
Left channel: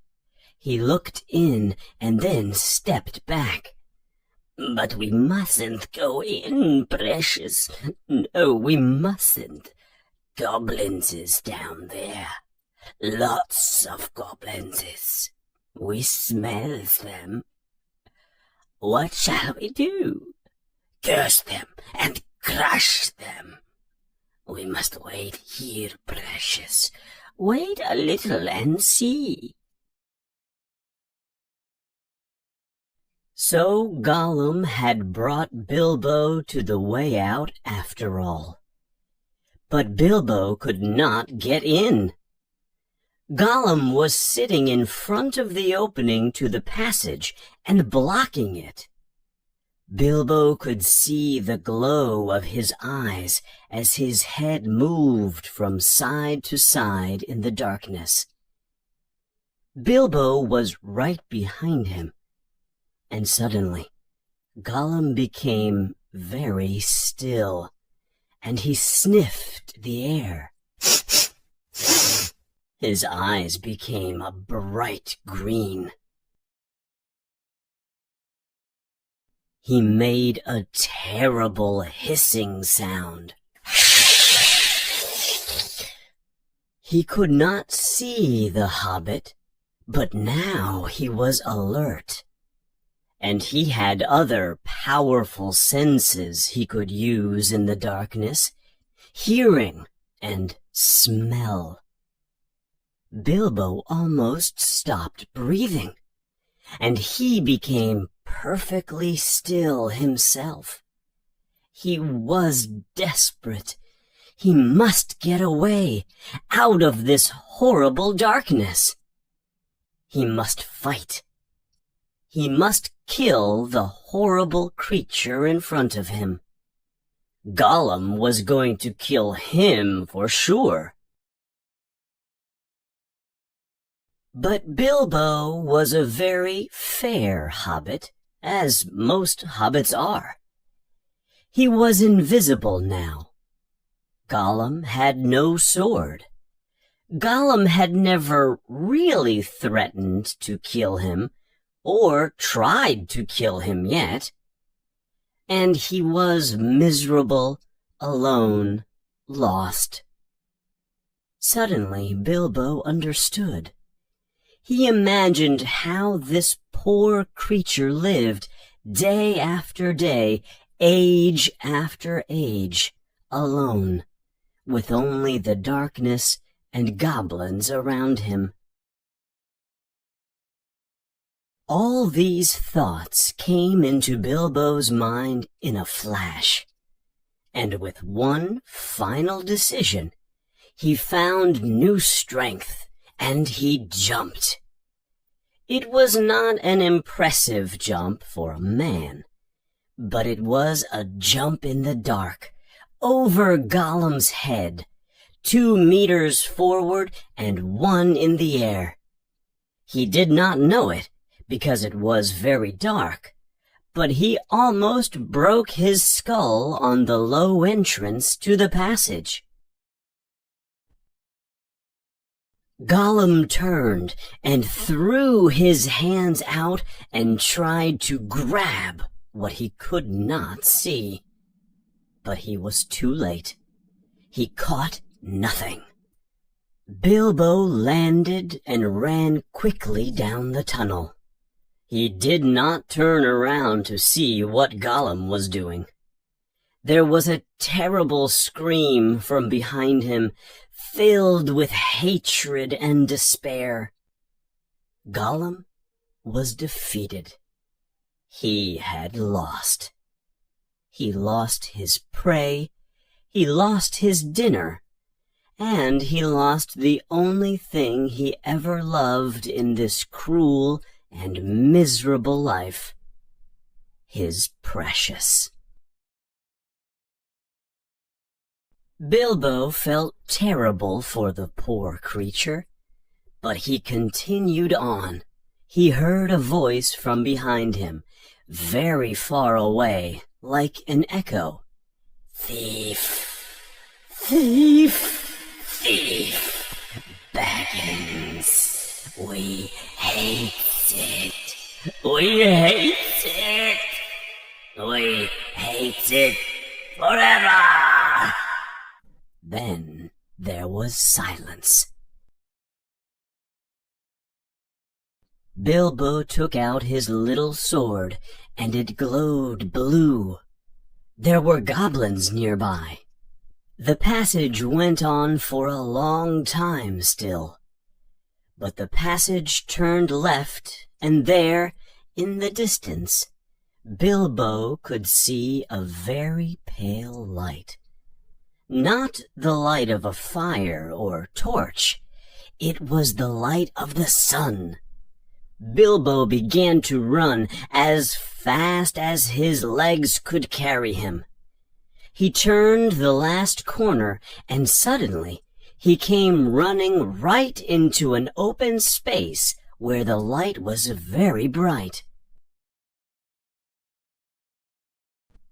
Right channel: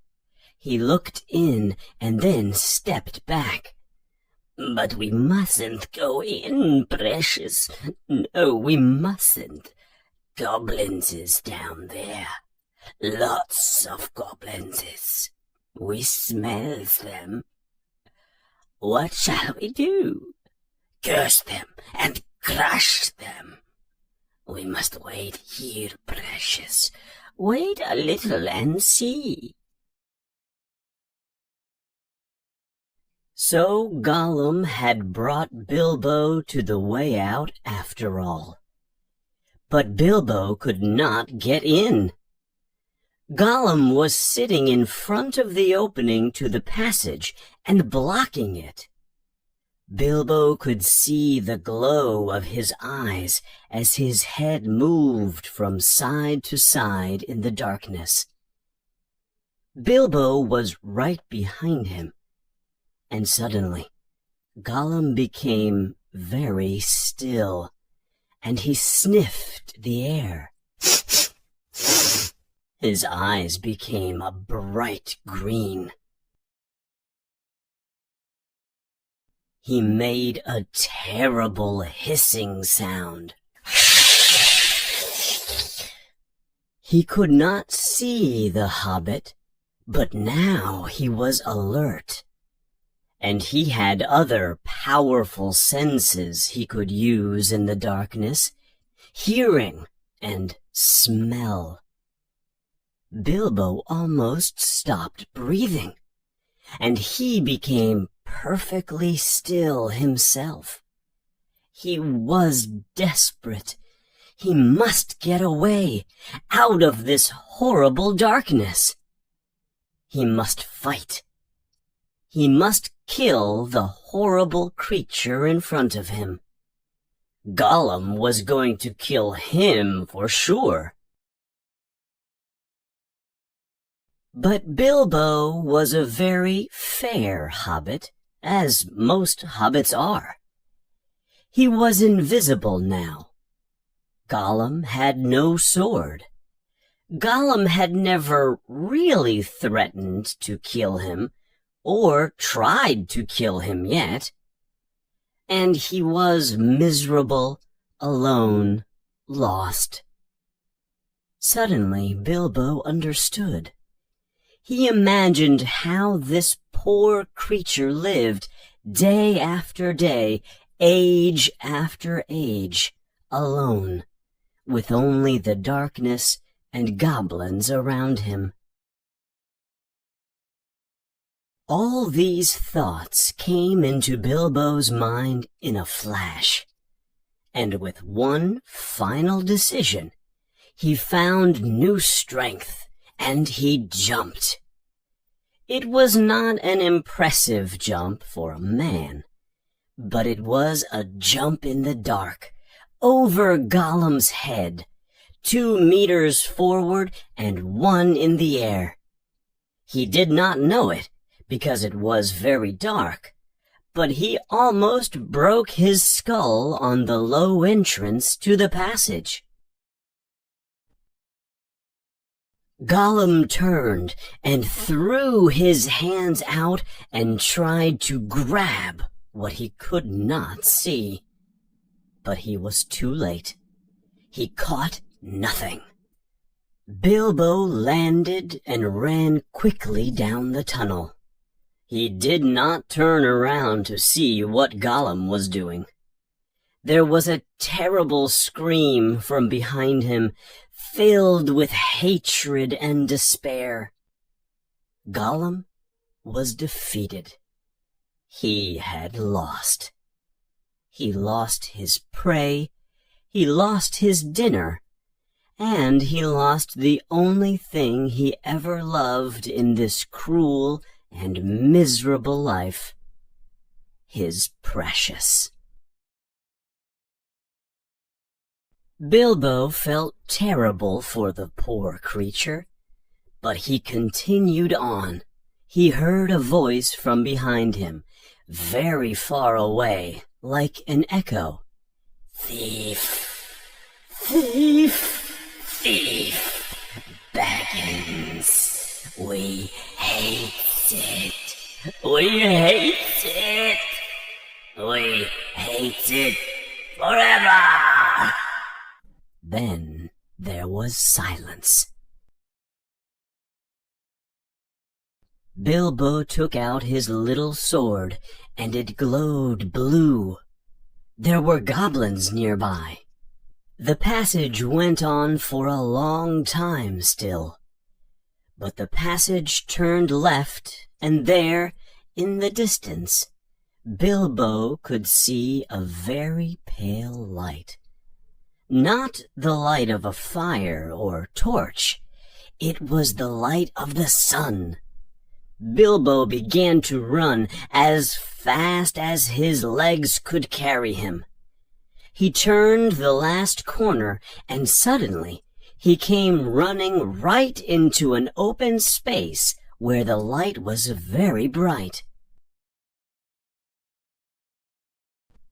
He looked in and then stepped back. "But we mustn't go in, precious. No, we mustn't. Goblins is down there. Lots of goblins is. We smell them. What shall we do? Curse them and crush them. We must wait here, precious. Wait a little and see." So Gollum had brought Bilbo to the way out after all. But Bilbo could not get in. Gollum was sitting in front of the opening to the passage and blocking it. Bilbo could see the glow of his eyes as his head moved from side to side in the darkness. Bilbo was right behind him, and suddenly Gollum became very still, and he sniffed the air. His eyes became a bright green. He made a terrible hissing sound. He could not see the hobbit, but now he was alert. And he had other powerful senses he could use in the darkness, hearing and smell. Bilbo almost stopped breathing, and he became perfectly still himself. He was desperate. He must get away, out of this horrible darkness. He must fight. He must kill the horrible creature in front of him. Gollum was going to kill him for sure. But Bilbo was a very fair hobbit, as most hobbits are. He was invisible now. Gollum had no sword. Gollum had never really threatened to kill him, or tried to kill him yet. And he was miserable, alone, lost. Suddenly Bilbo understood. He imagined how this poor creature lived, day after day, age after age, alone, with only the darkness and goblins around him. All these thoughts came into Bilbo's mind in a flash, and with one final decision, he found new strength, and he jumped. It was not an impressive jump for a man, but it was a jump in the dark, over Gollum's head, 2 meters forward and 1 in the air. He did not know it, because it was very dark, but he almost broke his skull on the low entrance to the passage. Gollum turned and threw his hands out and tried to grab what he could not see. But he was too late. He caught nothing. Bilbo landed and ran quickly down the tunnel. He did not turn around to see what Gollum was doing. There was a terrible scream from behind him, filled with hatred and despair. Gollum was defeated. He had lost. He lost his prey, he lost his dinner, and he lost the only thing he ever loved in this cruel and miserable life, his precious. Bilbo felt terrible for the poor creature, but he continued on. He heard a voice from behind him, very far away, like an echo. "Thief! Thief! Thief! Baggins! We hate it! We hate it! We hate it forever!" Then there was silence. Bilbo took out his little sword, and it glowed blue. There were goblins nearby. The passage went on for a long time still. But the passage turned left, and there, in the distance, Bilbo could see a very pale light. Not the light of a fire or torch. It was the light of the sun. Bilbo began to run as fast as his legs could carry him. He turned the last corner, and suddenly he came running right into an open space where the light was very bright.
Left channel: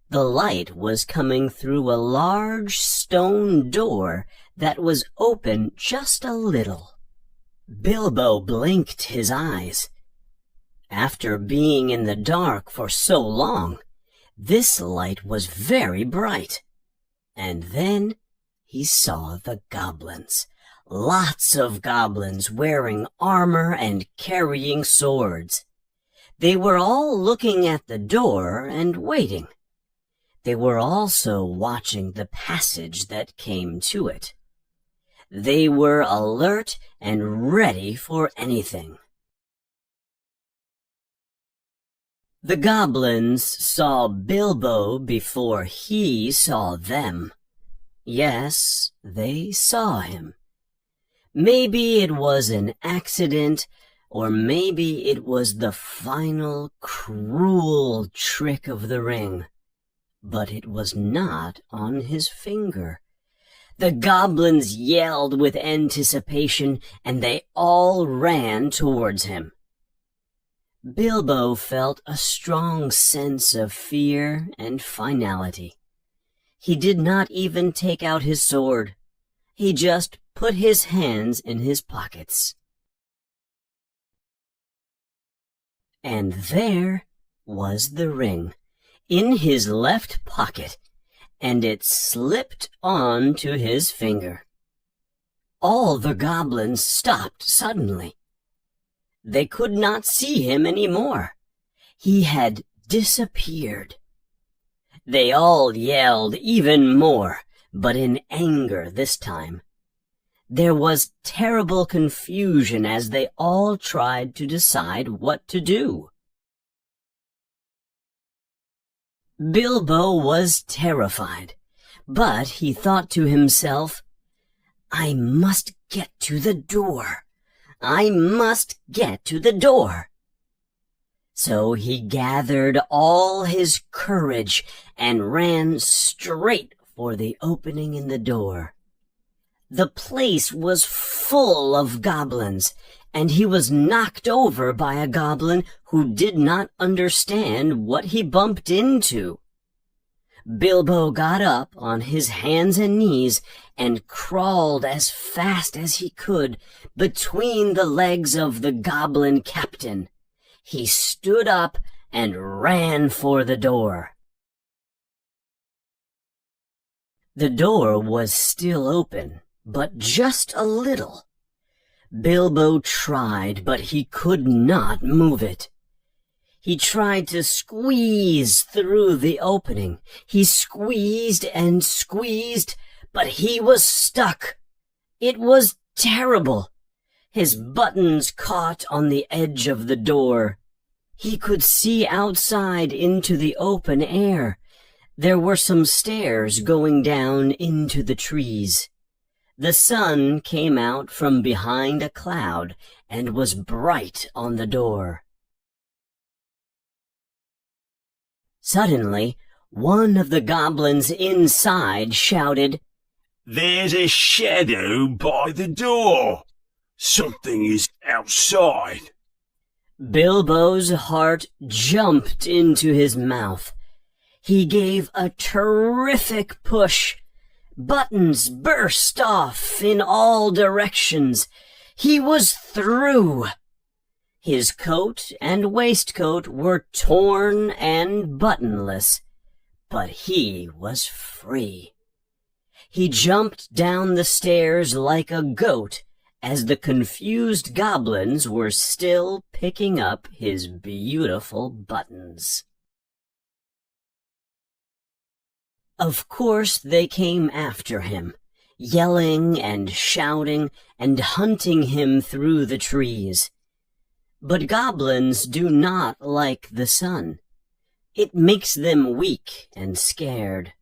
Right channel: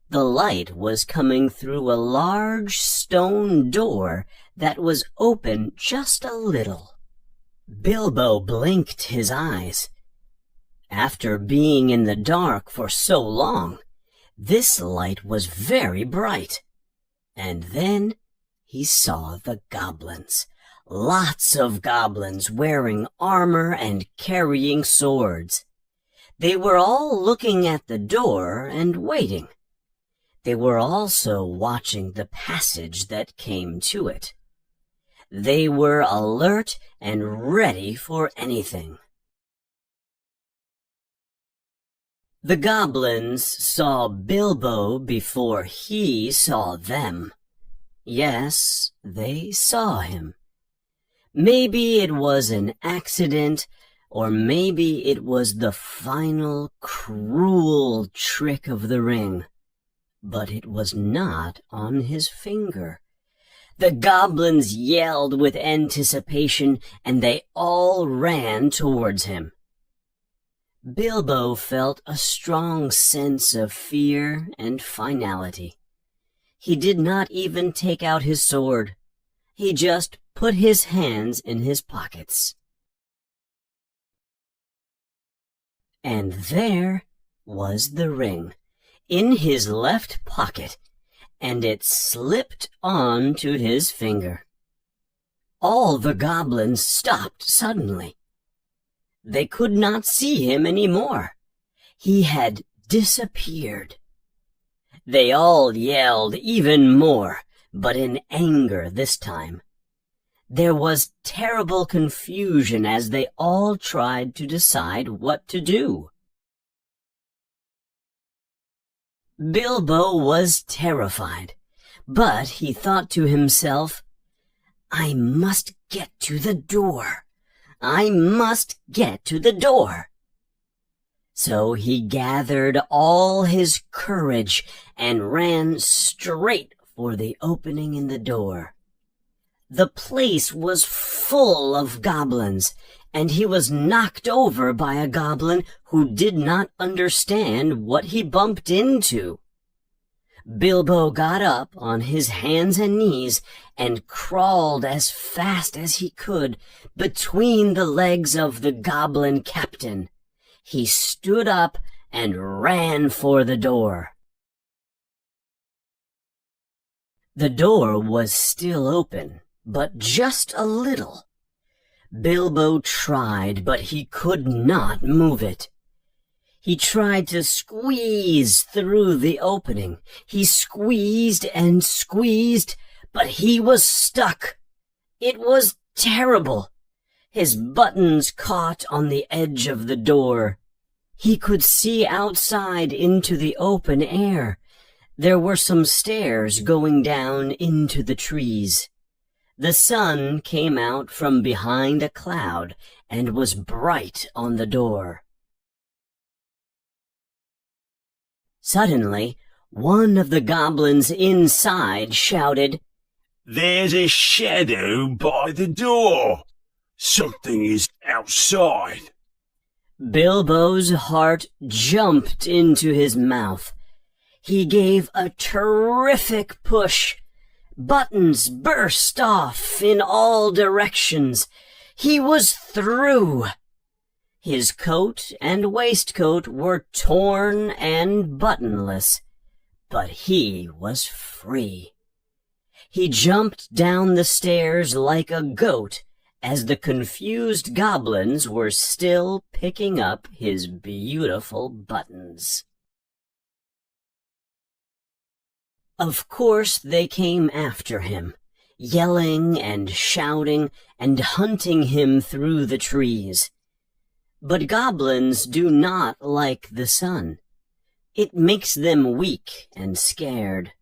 The light was coming through a large stone door that was open just a little. Bilbo blinked his eyes. After being in the dark for so long, this light was very bright. And then he saw the goblins. Lots of goblins wearing armor and carrying swords. They were all looking at the door and waiting. They were also watching the passage that came to it. They were alert and ready for anything. The goblins saw Bilbo before he saw them. Yes, they saw him. Maybe it was an accident, or maybe it was the final cruel trick of the ring. But it was not on his finger. The goblins yelled with anticipation, and they all ran towards him. Bilbo felt a strong sense of fear and finality. He did not even take out his sword. He just put his hands in his pockets. And there was the ring, in his left pocket, and it slipped on to his finger. All the goblins stopped suddenly. They could not see him any more. He had disappeared. They all yelled even more, but in anger this time. There was terrible confusion as they all tried to decide what to do. Bilbo was terrified, but he thought to himself, "I must get to the door. I must get to the door." So he gathered all his courage and ran straight for the opening in the door. The place was full of goblins, and he was knocked over by a goblin who did not understand what he bumped into. Bilbo got up on his hands and knees and crawled as fast as he could between the legs of the goblin captain. He stood up and ran for the door. The door was still open, but just a little. Bilbo tried, but he could not move it. He tried to squeeze through the opening. He squeezed and squeezed, but he was stuck. It was terrible. His buttons caught on the edge of the door. He could see outside into the open air. There were some stairs going down into the trees. The sun came out from behind a cloud and was bright on the door. Suddenly, one of the goblins inside shouted, "There's a shadow by the door. Something is outside." Bilbo's heart jumped into his mouth. He gave a terrific push. Buttons burst off in all directions. He was through. His coat and waistcoat were torn and buttonless, but he was free. He jumped down the stairs like a goat as the confused goblins were still picking up his beautiful buttons. Of course they came after him, yelling and shouting and hunting him through the trees. But goblins do not like the sun. It makes them weak and scared.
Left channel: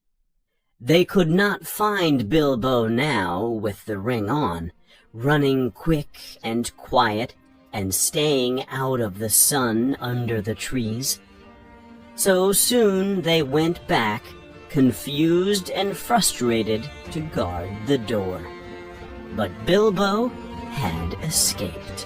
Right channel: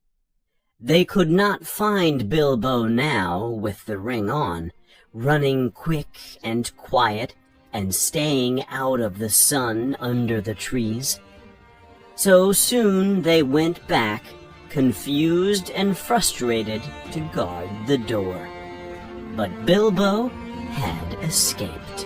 They could not find Bilbo now with the ring on, running quick and quiet and staying out of the sun under the trees. So soon they went back, confused and frustrated, to guard the door. But Bilbo had escaped.